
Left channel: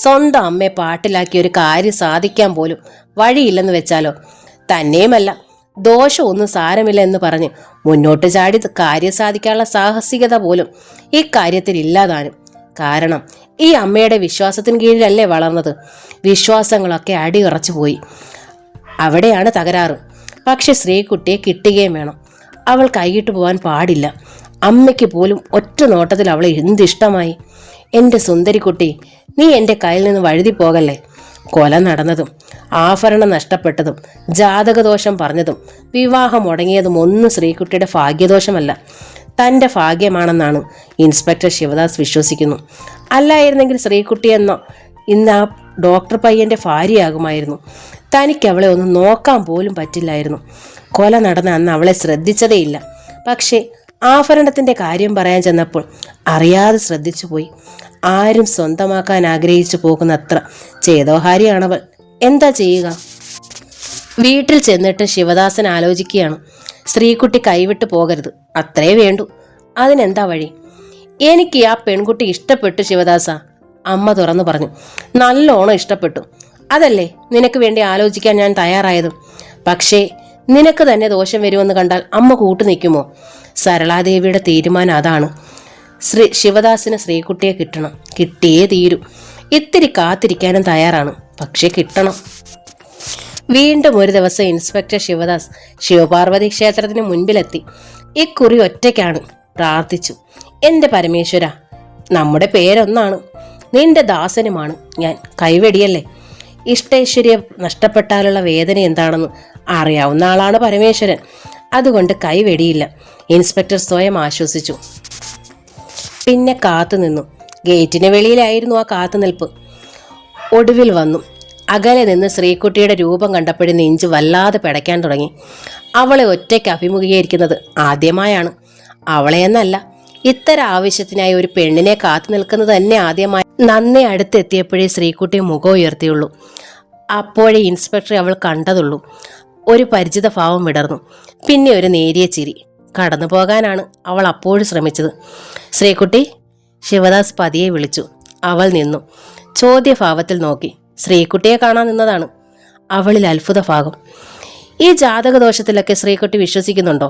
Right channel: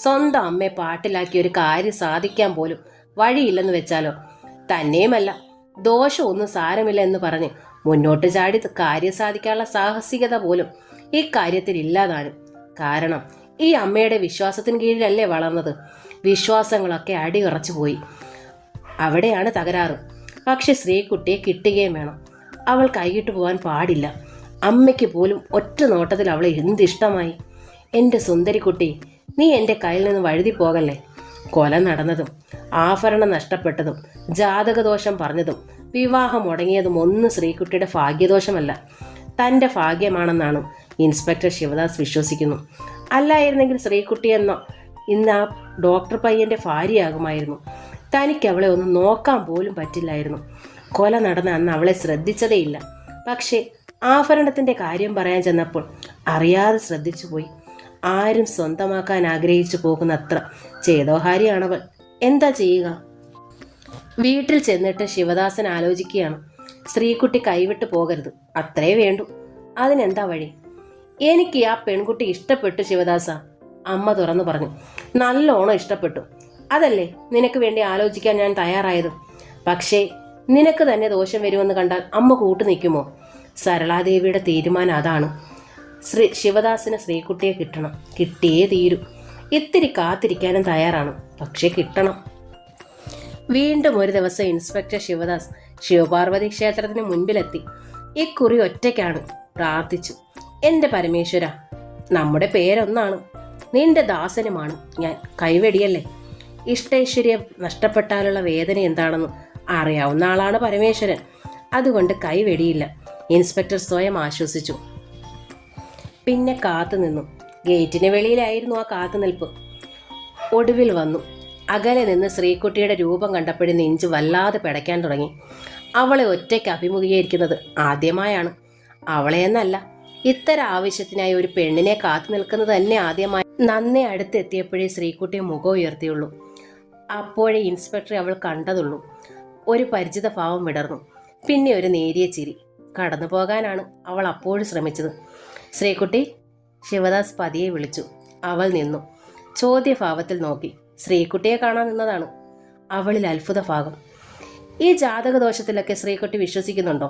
സ്വന്തം അമ്മയെ പാട്ടിലാക്കി ഒരു കാര്യം സാധിക്കാൻ പോലും വഴിയില്ലെന്ന് വെച്ചാലോ? തന്നെയുമല്ല, ദോഷമൊന്നും സാരമില്ല എന്ന് പറഞ്ഞ് മുന്നോട്ട് ചാടി കാര്യം സാധിക്കാനുള്ള സാഹസികത പോലും ഇക്കാര്യത്തിൽ ഇല്ലാതാനും. കാരണം ഈ അമ്മയുടെ വിശ്വാസത്തിന് കീഴിലല്ലേ വളർന്നത്. വിശ്വാസങ്ങളൊക്കെ അടിയുറച്ചു പോയി. അവിടെയാണ് തകരാറ്. പക്ഷെ ശ്രീകുട്ടിയെ കിട്ടുകയും വേണം. അവൾ കൈയിട്ട് പോകാൻ പാടില്ല. അമ്മയ്ക്ക് പോലും ഒറ്റ നോട്ടത്തിൽ അവളെ എന്തിഷ്ടമായി. എൻ്റെ സുന്ദരിക്കുട്ടി, നീ എൻ്റെ കയ്യിൽ നിന്ന് വഴുതി പോകല്ലേ. കൊല നടന്നതും ആഭരണം നഷ്ടപ്പെട്ടതും ജാതകദോഷം പറഞ്ഞതും വിവാഹം മുടങ്ങിയതും ഒന്നും ശ്രീകുട്ടിയുടെ ഭാഗ്യദോഷമല്ല, തൻ്റെ ഭാഗ്യമാണെന്നാണ് ഇൻസ്പെക്ടർ ശിവദാസ് വിശ്വസിക്കുന്നു. അല്ലായിരുന്നെങ്കിൽ ശ്രീകുട്ടി എന്ന ഇന്ന് ആ ഡോക്ടർ പയ്യൻ്റെ ഭാര്യയാകുമായിരുന്നു. തനിക്ക് അവളെ ഒന്ന് നോക്കാൻ പോലും പറ്റില്ലായിരുന്നു. കൊല നടന്ന അന്ന് അവളെ ശ്രദ്ധിച്ചതേയില്ല. പക്ഷേ ആഭരണത്തിൻ്റെ കാര്യം പറയാൻ ചെന്നപ്പോൾ അറിയാതെ ശ്രദ്ധിച്ചു പോയി. ആരും സ്വന്തമാക്കാൻ ആഗ്രഹിച്ചു പോകുന്നത്ര ചേതോഹാരിയാണവൾ. എന്താ ചെയ്യുക? വീട്ടിൽ ചെന്നിട്ട് ശിവദാസൻ ആലോചിക്കുകയാണ്. ശ്രീകുട്ടി കൈവിട്ട് പോകരുത്, അത്രേ വേണ്ടു. അതിനെന്താ വഴി? എനിക്ക് ആ പെൺകുട്ടി ഇഷ്ടപ്പെട്ടു ശിവദാസ, അമ്മ തുറന്നു പറഞ്ഞു. നല്ലോണം ഇഷ്ടപ്പെട്ടു. അതല്ലേ നിനക്ക് വേണ്ടി ആലോചിക്കാൻ ഞാൻ തയ്യാറായതും. പക്ഷേ നിനക്ക് തന്നെ ദോഷം വരുമെന്ന് കണ്ടാൽ അമ്മ കൂട്ടു നിൽക്കുമോ? സരളാദേവിയുടെ തീരുമാനം അതാണ്. ശിവദാസിന് ശ്രീകുട്ടിയെ കിട്ടണം, കിട്ടിയേ തീരൂ. ഇത്തിരി കാത്തിരിക്കാനും തയ്യാറാണ്, പക്ഷേ കിട്ടണം. വീണ്ടും ഒരു ദിവസം ഇൻസ്പെക്ടർ ശിവദാസ് ശിവപാർവതി ക്ഷേത്രത്തിന് മുൻപിലെത്തി. ഇക്കുറി ഒറ്റയ്ക്കാണ്. പ്രാർത്ഥിച്ചു. എൻ്റെ പരമേശ്വര, നമ്മുടെ പേരൊന്നാണ്, നിന്റെ ദാസനുമാണ് ഞാൻ, കൈവെടിയല്ലേ. ഇഷ്ടൈശ്വര്യം നഷ്ടപ്പെട്ടാലുള്ള വേദന എന്താണെന്ന് അറിയാവുന്ന ആളാണ് പരമേശ്വരൻ. അതുകൊണ്ട് കൈവെടിയില്ല. ഇൻസ്പെക്ടർ സ്വയം ആശ്വസിച്ചു. പിന്നെ കാത്തുനിന്നു. ഗേറ്റിന് വെളിയിലായിരുന്നു ആ കാത്തുനിൽപ്പ്. ഒടുവിൽ വന്നു. അകലെ നിന്ന് ശ്രീകുട്ടിയുടെ രൂപം കണ്ടപ്പോഴും നെഞ്ച് വല്ലാതെ പിടയ്ക്കാൻ തുടങ്ങി. അവളെ ഒറ്റയ്ക്ക് അഭിമുഖീകരിക്കുന്നത് ആദ്യമായാണ്. അവളെയെന്നല്ല, ഇത്തരം ആവശ്യത്തിനായി ഒരു പെണ്ണിനെ കാത്തു നിൽക്കുന്നത് തന്നെ ആദ്യമായി. നന്നേ അടുത്തെത്തിയപ്പോഴേ ശ്രീകുട്ടി മുഖം ഉയർത്തിയുള്ളൂ. അപ്പോഴേ ഇൻസ്പെക്ടറെ അവൾ കണ്ടതുള്ളൂ. ഒരു പരിചിത ഭാവം വിടർന്നു. പിന്നെ ഒരു നേരിയ ചിരി. കടന്നു പോകാനാണ് അവൾ അപ്പോഴും ശ്രമിച്ചത്. ശ്രീകുട്ടി, ശിവദാസ് പതിയെ വിളിച്ചു. അവൾ നിന്നു. ചോദ്യഭാവത്തിൽ നോക്കി. ശ്രീകുട്ടിയെ കാണാൻ നിന്നതാണ്. അവളിൽ അത്ഭുത ഭാഗം. ഈ ജാതകദോഷത്തിലൊക്കെ ശ്രീകുട്ടി വിശ്വസിക്കുന്നുണ്ടോ?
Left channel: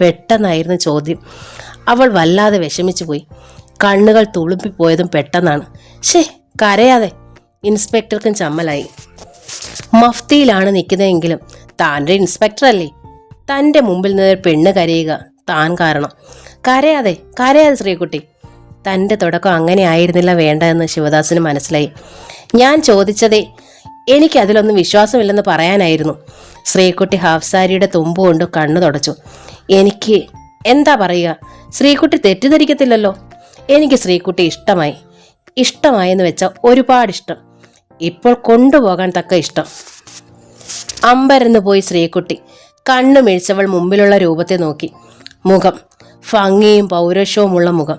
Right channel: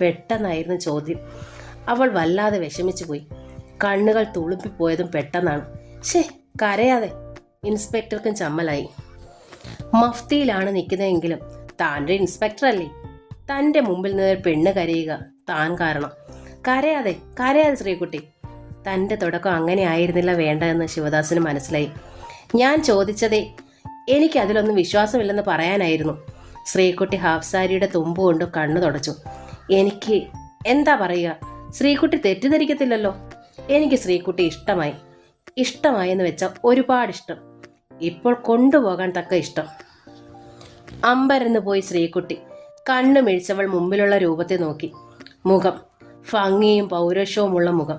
പെട്ടെന്നായിരുന്നു ചോദ്യം. അവൾ വല്ലാതെ വിഷമിച്ചു പോയി. കണ്ണുകൾ തുളുമ്പിപ്പോയതും പെട്ടെന്നാണ്. ഷേ, കരയാതെ. ഇൻസ്പെക്ടർക്കും ചമ്മലായി. മഫ്തിയിലാണ് നിൽക്കുന്നതെങ്കിലും താനൊരു ഇൻസ്പെക്ടർ അല്ലേ? തൻ്റെ മുമ്പിൽ നിന്ന് പെണ്ണ് കരയുക താൻ കാരണം. കരയാതെ കരയാതെ ശ്രീകുട്ടി. തൻ്റെ തുടക്കം അങ്ങനെ ആയിരുന്നില്ല വേണ്ടതെന്ന് ശിവദാസിന് മനസ്സിലായി. ഞാൻ ചോദിച്ചതേ എനിക്കതിലൊന്നും വിശ്വാസമില്ലെന്ന് പറയാനായിരുന്നു. ശ്രീകുട്ടി ഹാഫ് സാരിയുടെ തുമ്പ് കൊണ്ട് കണ്ണു തുടച്ചു. എനിക്ക് എന്താ പറയുക? ശ്രീകുട്ടി തെറ്റിദ്ധരിക്കത്തില്ലല്ലോ. എനിക്ക് ശ്രീകുട്ടി ഇഷ്ടമായി. ഇഷ്ടമായെന്ന് വെച്ചാൽ ഒരുപാട് ഇഷ്ടം. ഇപ്പോൾ കൊണ്ടുപോകാൻ തക്ക ഇഷ്ടം. അമ്പരന്ന് പോയി ശ്രീകുട്ടി. കണ്ണു മിഴിച്ചവൾ മുമ്പിലുള്ള രൂപത്തെ നോക്കി. മുഖം ഭംഗിയും പൗരുഷവുമുള്ള മുഖം.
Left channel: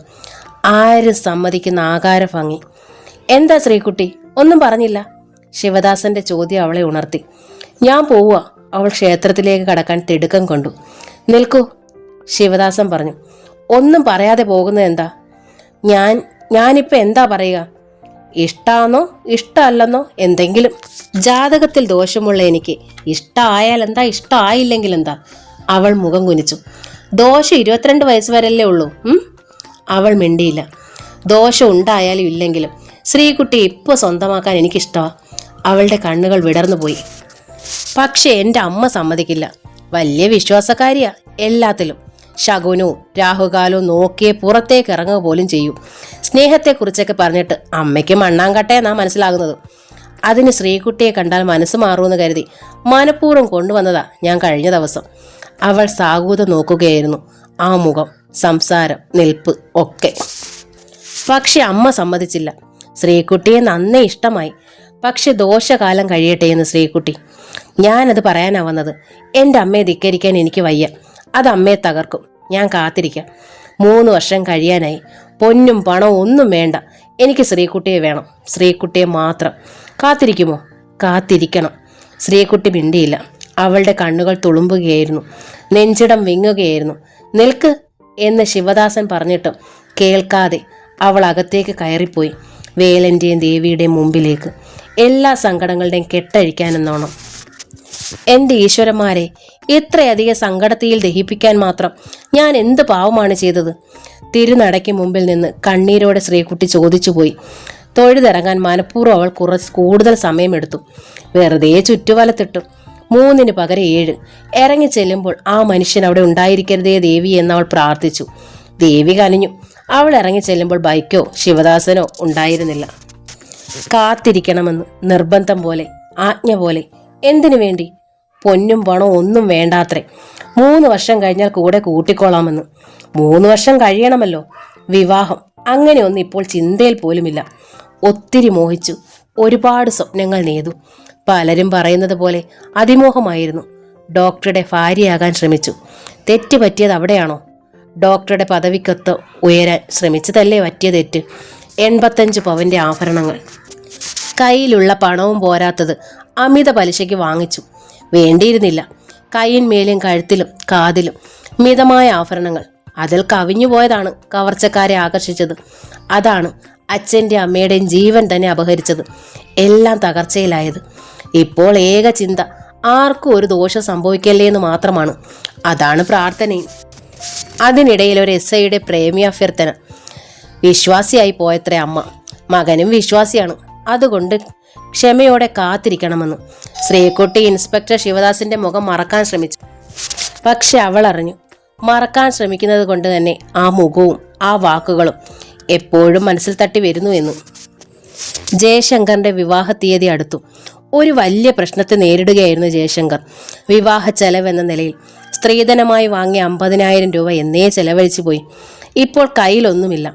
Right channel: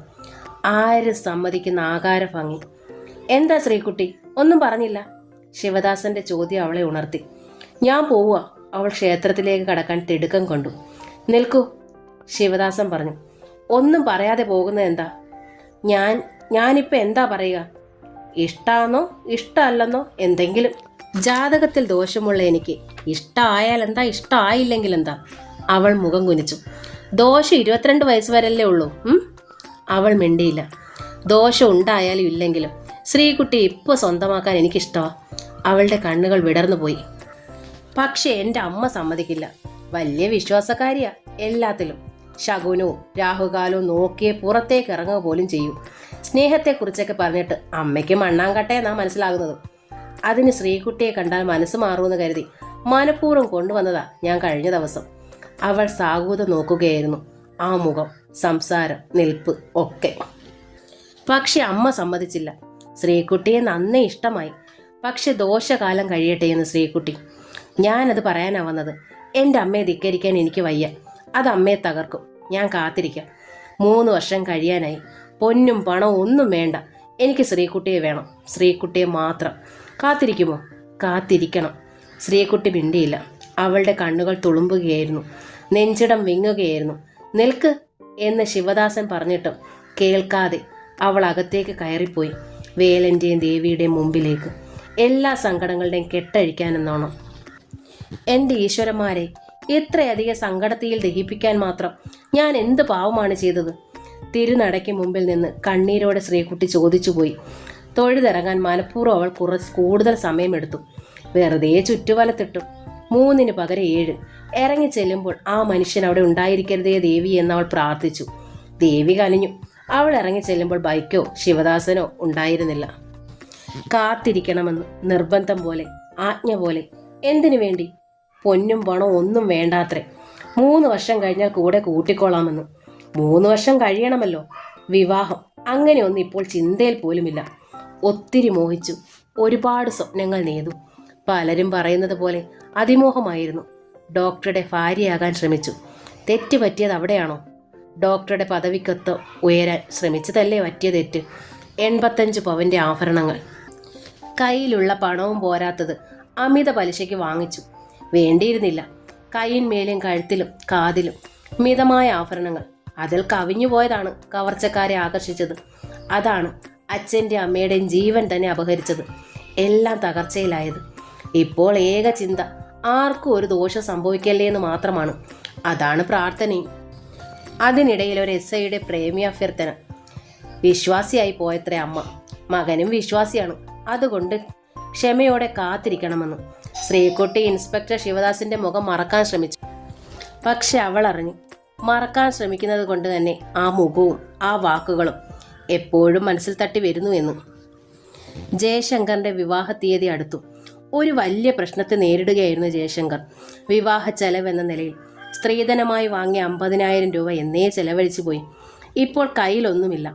ആരും സമ്മതിക്കുന്ന ആകാര ഭംഗി. എന്താ ശ്രീകുട്ടി, ഒന്നും പറഞ്ഞില്ല? ശിവദാസന്റെ ചോദ്യം അവളെ ഉണർത്തി. ഞാൻ പോവുക. അവൾ ക്ഷേത്രത്തിലേക്ക് കടക്കാൻ തിടുക്കം കൊണ്ടു. നിൽക്കൂ, ശിവദാസൻ പറഞ്ഞു. ഒന്നും പറയാതെ പോകുന്നത് എന്താ? ഞാനിപ്പോൾ എന്താ പറയുക? ഇഷ്ടാന്നോ ഇഷ്ടമല്ലെന്നോ എന്തെങ്കിലും? ജാതകത്തിൽ ദോഷമുള്ള എനിക്ക് ഇഷ്ടമായാൽ എന്താ, ഇഷ്ടമായില്ലെങ്കിൽ എന്താ? അവൾ മുഖം കുനിച്ചു. ദോഷം 22 വയസ്സ് വരല്ലേ ഉള്ളൂ. അവൾ മിണ്ടിയില്ല. ദോഷം ഉണ്ടായാലും ഇല്ലെങ്കിലും ശ്രീകുട്ടി ഇപ്പോൾ സ്വന്തമാക്കാൻ എനിക്കിഷ്ടമാണ്. അവളുടെ കണ്ണുകൾ വിടർന്നു പോയി. പക്ഷെ എൻ്റെ അമ്മ സമ്മതിക്കില്ല. വലിയ വിശ്വാസക്കാരിയാ എല്ലാത്തിലും. ശകുനവും രാഹുകാലവും നോക്കിയേ പുറത്തേക്ക് ഇറങ്ങുക പോലും ചെയ്യും. സ്നേഹത്തെക്കുറിച്ചൊക്കെ പറഞ്ഞിട്ട് അമ്മയ്ക്ക് മണ്ണാങ്കട്ടയെന്നാ മനസ്സിലാകുന്നത്. അതിന് ശ്രീകുട്ടിയെ കണ്ടാൽ മനസ്സ് മാറുമെന്ന് കരുതി മനഃപൂർവ്വം കൊണ്ടുവന്നതാ ഞാൻ കഴിഞ്ഞ ദിവസം. അവൾ സാഗൂതം നോക്കുകയായിരുന്നു. ആ മുഖം, സംസാരം, നിൽപ്പ് ഒക്കെ. പക്ഷെ അമ്മ സമ്മതിച്ചില്ല. ശ്രീകുട്ടിയെ നന്നേ ഇഷ്ടമായി. പക്ഷെ ദോഷകാലം കഴിയട്ടെ എന്ന് ശ്രീകുട്ടി. ഞാനത് പറയാനാ വന്നത്. എൻ്റെ അമ്മയെ ധിക്കരിക്കാൻ എനിക്ക് വയ്യ. അത് അമ്മയെ തകർക്കും. ഞാൻ കാത്തിരിക്കാം. 3 വർഷം കഴിയാനായി. പൊന്നും പണവും ഒന്നും വേണ്ട. എനിക്ക് ശ്രീകുട്ടിയെ വേണം. ശ്രീകുട്ടിയെ മാത്രം. കാത്തിരിക്കുമോ? കാത്തിരിക്കണം. ശ്രീകുട്ടി മിണ്ടിയില്ല. അവളുടെ കണ്ണുകൾ തുളുമ്പുകയായിരുന്നു. നെഞ്ചിടം വിങ്ങുകയായിരുന്നു. നിൽക്ക് എന്ന് ശിവദാസൻ പറഞ്ഞിട്ടും കേൾക്കാതെ അവൾ അകത്തേക്ക് കയറിപ്പോയി. വേലൻ്റെയും ദേവിയുടെയും മുമ്പിലേക്ക്. എല്ലാ സങ്കടങ്ങളുടെയും കെട്ടഴിക്കാനെന്നോണം. എൻ്റെ ഈശ്വരന്മാരെ, ഇത്രയധികം സങ്കടത്തിൽ ദഹിപ്പിക്കാൻ മാത്രം ഞാൻ എന്ത് പാവമാണ് ചെയ്തത്? തിരുനടയ്ക്ക് മുമ്പിൽ നിന്ന് കണ്ണീരോടെ ശ്രീകുട്ടി ചോദിച്ചുപോയി. തൊഴുതിറങ്ങാൻ മനഃപൂർവ്വം അവൾ കൂടുതൽ സമയമെടുത്തു. വെറുതെ ചുറ്റുവലത്തിട്ടു. 3ന് പകരം 7. ഇറങ്ങി ചെല്ലുമ്പോൾ ആ മനുഷ്യൻ അവിടെ ഉണ്ടായിരിക്കരുതേ ദേവി എന്നവൾ പ്രാർത്ഥിച്ചു. ദേവി കനിഞ്ഞു. അവൾ ഇറങ്ങി ചെല്ലുമ്പോൾ ബൈക്കോ ശിവദാസനോ ഉണ്ടായിരുന്നില്ല. കാത്തിരിക്കണമെന്ന് നിർബന്ധം പോലെ, ആജ്ഞ പോലെ. എന്തിനു വേണ്ടി? പൊന്നും പണവും ഒന്നും വേണ്ടാത്രേ. 3 വർഷം കഴിഞ്ഞാൽ കൂടെ കൂട്ടിക്കോളാമെന്ന്. 3 വർഷം കഴിയണമല്ലോ വിവാഹം. അങ്ങനെയൊന്നും ഇപ്പോൾ ചിന്തയിൽ പോലുമില്ല. ഒത്തിരി മോഹിച്ചു. ഒരുപാട് സ്വപ്നങ്ങൾ നെയ്തു. പലരും പറയുന്നത് പോലെ അതിമോഹമായിരുന്നു. ഡോക്ടറുടെ ഭാര്യയാകാൻ ശ്രമിച്ചു. തെറ്റ് പറ്റിയത് അവിടെയാണോ? ഡോക്ടറുടെ പദവിക്കൊത്ത് ഉയരാൻ ശ്രമിച്ചതല്ലേ പറ്റിയ തെറ്റ്? 85 പവൻ്റെ ആഭരണങ്ങൾ. കയ്യിലുള്ള പണവും പോരാത്തത് അമിത പലിശയ്ക്ക് വാങ്ങിച്ചു. വേണ്ടിയിരുന്നില്ല. കൈയിന്മേലും കഴുത്തിലും കാതിലും മിതമായ ആഭരണങ്ങൾ. അതിൽ കവിഞ്ഞു പോയതാണ് കവർച്ചക്കാരെ ആകർഷിച്ചത്. അതാണ് അച്ഛൻ്റെ അമ്മയുടെയും ജീവൻ തന്നെ അപഹരിച്ചത്. എല്ലാം തകർച്ചയിലായത്. ഇപ്പോൾ ഏക ചിന്ത ആർക്കും ഒരു ദോഷം സംഭവിക്കല്ലേ എന്ന് മാത്രമാണ്. അതാണ് പ്രാർത്ഥനയും. അതിനിടയിൽ ഒരു SIയുടെ പ്രേമിയഭ്യർത്ഥന. വിശ്വാസിയായി പോയത്രേ അമ്മ. മകനും വിശ്വാസിയാണ്. അതുകൊണ്ട് ക്ഷമയോടെ കാത്തിരിക്കണമെന്ന്. ശ്രീകുട്ടി ഇൻസ്പെക്ടർ ശിവദാസിന്റെ മുഖം മറക്കാൻ ശ്രമിച്ചു. പക്ഷെ അവൾ അറിഞ്ഞു, മറക്കാൻ ശ്രമിക്കുന്നത് കൊണ്ട് തന്നെ ആ മുഖവും ആ വാക്കുകളും എപ്പോഴും മനസ്സിൽ തട്ടി വരുന്നു എന്നും. ജയശങ്കറിന്റെ വിവാഹ തീയതി അടുത്തു. ഒരു വലിയ പ്രശ്നത്തെ നേരിടുകയായിരുന്നു ജയശങ്കർ. വിവാഹ ചെലവെന്ന നിലയിൽ സ്ത്രീധനമായി വാങ്ങിയ 50,000 രൂപ എന്നേ ചെലവഴിച്ചു പോയി. ഇപ്പോൾ കയ്യിലൊന്നുമില്ല.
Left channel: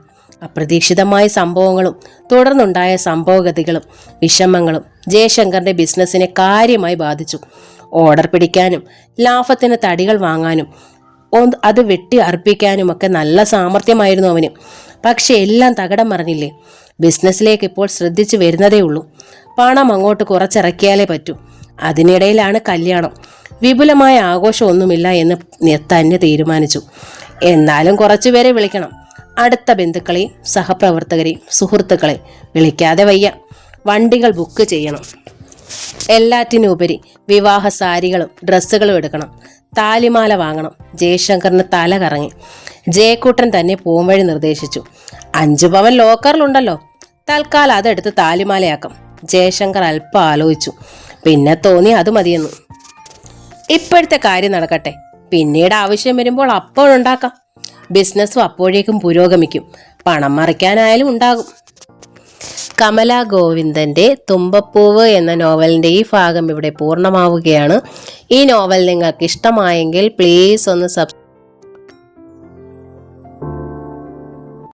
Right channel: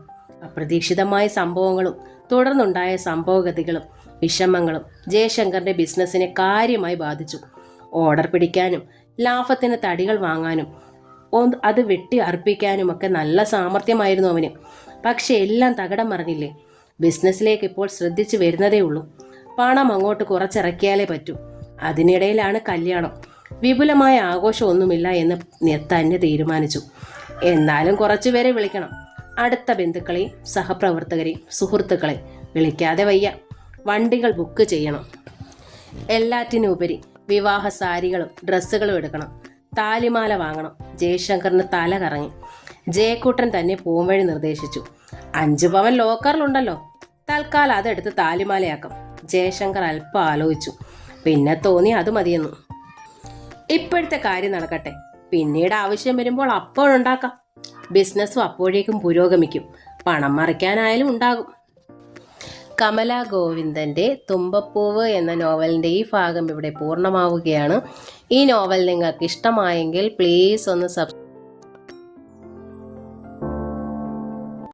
അപ്രതീക്ഷിതമായ സംഭവങ്ങളും തുടർന്നുണ്ടായ സംഭവഗതികളും വിഷമങ്ങളും ജയശങ്കറിന്റെ ബിസിനസ്സിനെ കാര്യമായി ബാധിച്ചു. ഓർഡർ പിടിക്കാനും ലാഭത്തിന് തടികൾ വാങ്ങാനും അത് വെട്ടി അർപ്പിക്കാനുമൊക്കെ നല്ല സാമർഥ്യമായിരുന്നു അവന്. പക്ഷെ എല്ലാം തകിടം മറിഞ്ഞില്ലേ. ബിസിനസ്സിലേക്ക് ഇപ്പോൾ ശ്രദ്ധിച്ചു വരുന്നതേ ഉള്ളൂ. പണം അങ്ങോട്ട് കുറച്ചിറക്കിയാലേ പറ്റൂ. അതിനിടയിലാണ് കല്യാണം. വിപുലമായ ആഘോഷമൊന്നുമില്ല എന്ന് തന്നെ തീരുമാനിച്ചു. എന്നാലും കുറച്ചുപേരെ വിളിക്കണം. അടുത്ത ബന്ധുക്കളെയും സഹപ്രവർത്തകരെയും സുഹൃത്തുക്കളെയും വിളിക്കാതെ വയ്യ. വണ്ടികൾ ബുക്ക് ചെയ്യണം. എല്ലാറ്റിനുപരി വിവാഹ സാരികളും ഡ്രസ്സുകളും എടുക്കണം. താലിമാല വാങ്ങണം. ജയശങ്കറിന് തല കറങ്ങി. ജയക്കൂട്ടൻ തന്നെ പോംവഴി നിർദ്ദേശിച്ചു. 5 പവൻ ലോക്കറിലുണ്ടല്ലോ, തൽക്കാലം അതെടുത്ത് താലിമാലയാക്കാം. ജയശങ്കർ അല്പം ആലോചിച്ചു. പിന്നെ തോന്നി അത് മതിയെന്നു. ഇപ്പോഴത്തെ കാര്യം നടക്കട്ടെ, പിന്നീട് ആവശ്യം വരുമ്പോൾ അപ്പോഴുണ്ടാക്കാം. ബിസിനസ്സും അപ്പോഴേക്കും പുരോഗമിക്കും. പണം മറിക്കാനായാലും ഉണ്ടാകും. കമല ഗോവിന്ദന്റെ തുമ്പപ്പൂവ് എന്ന നോവലിന്റെ ഈ ഭാഗം ഇവിടെ പൂർണ്ണമാവുകയാണ്. ഈ നോവൽ നിങ്ങൾക്ക് ഇഷ്ടമായെങ്കിൽ പ്ലീസ് ഒന്ന്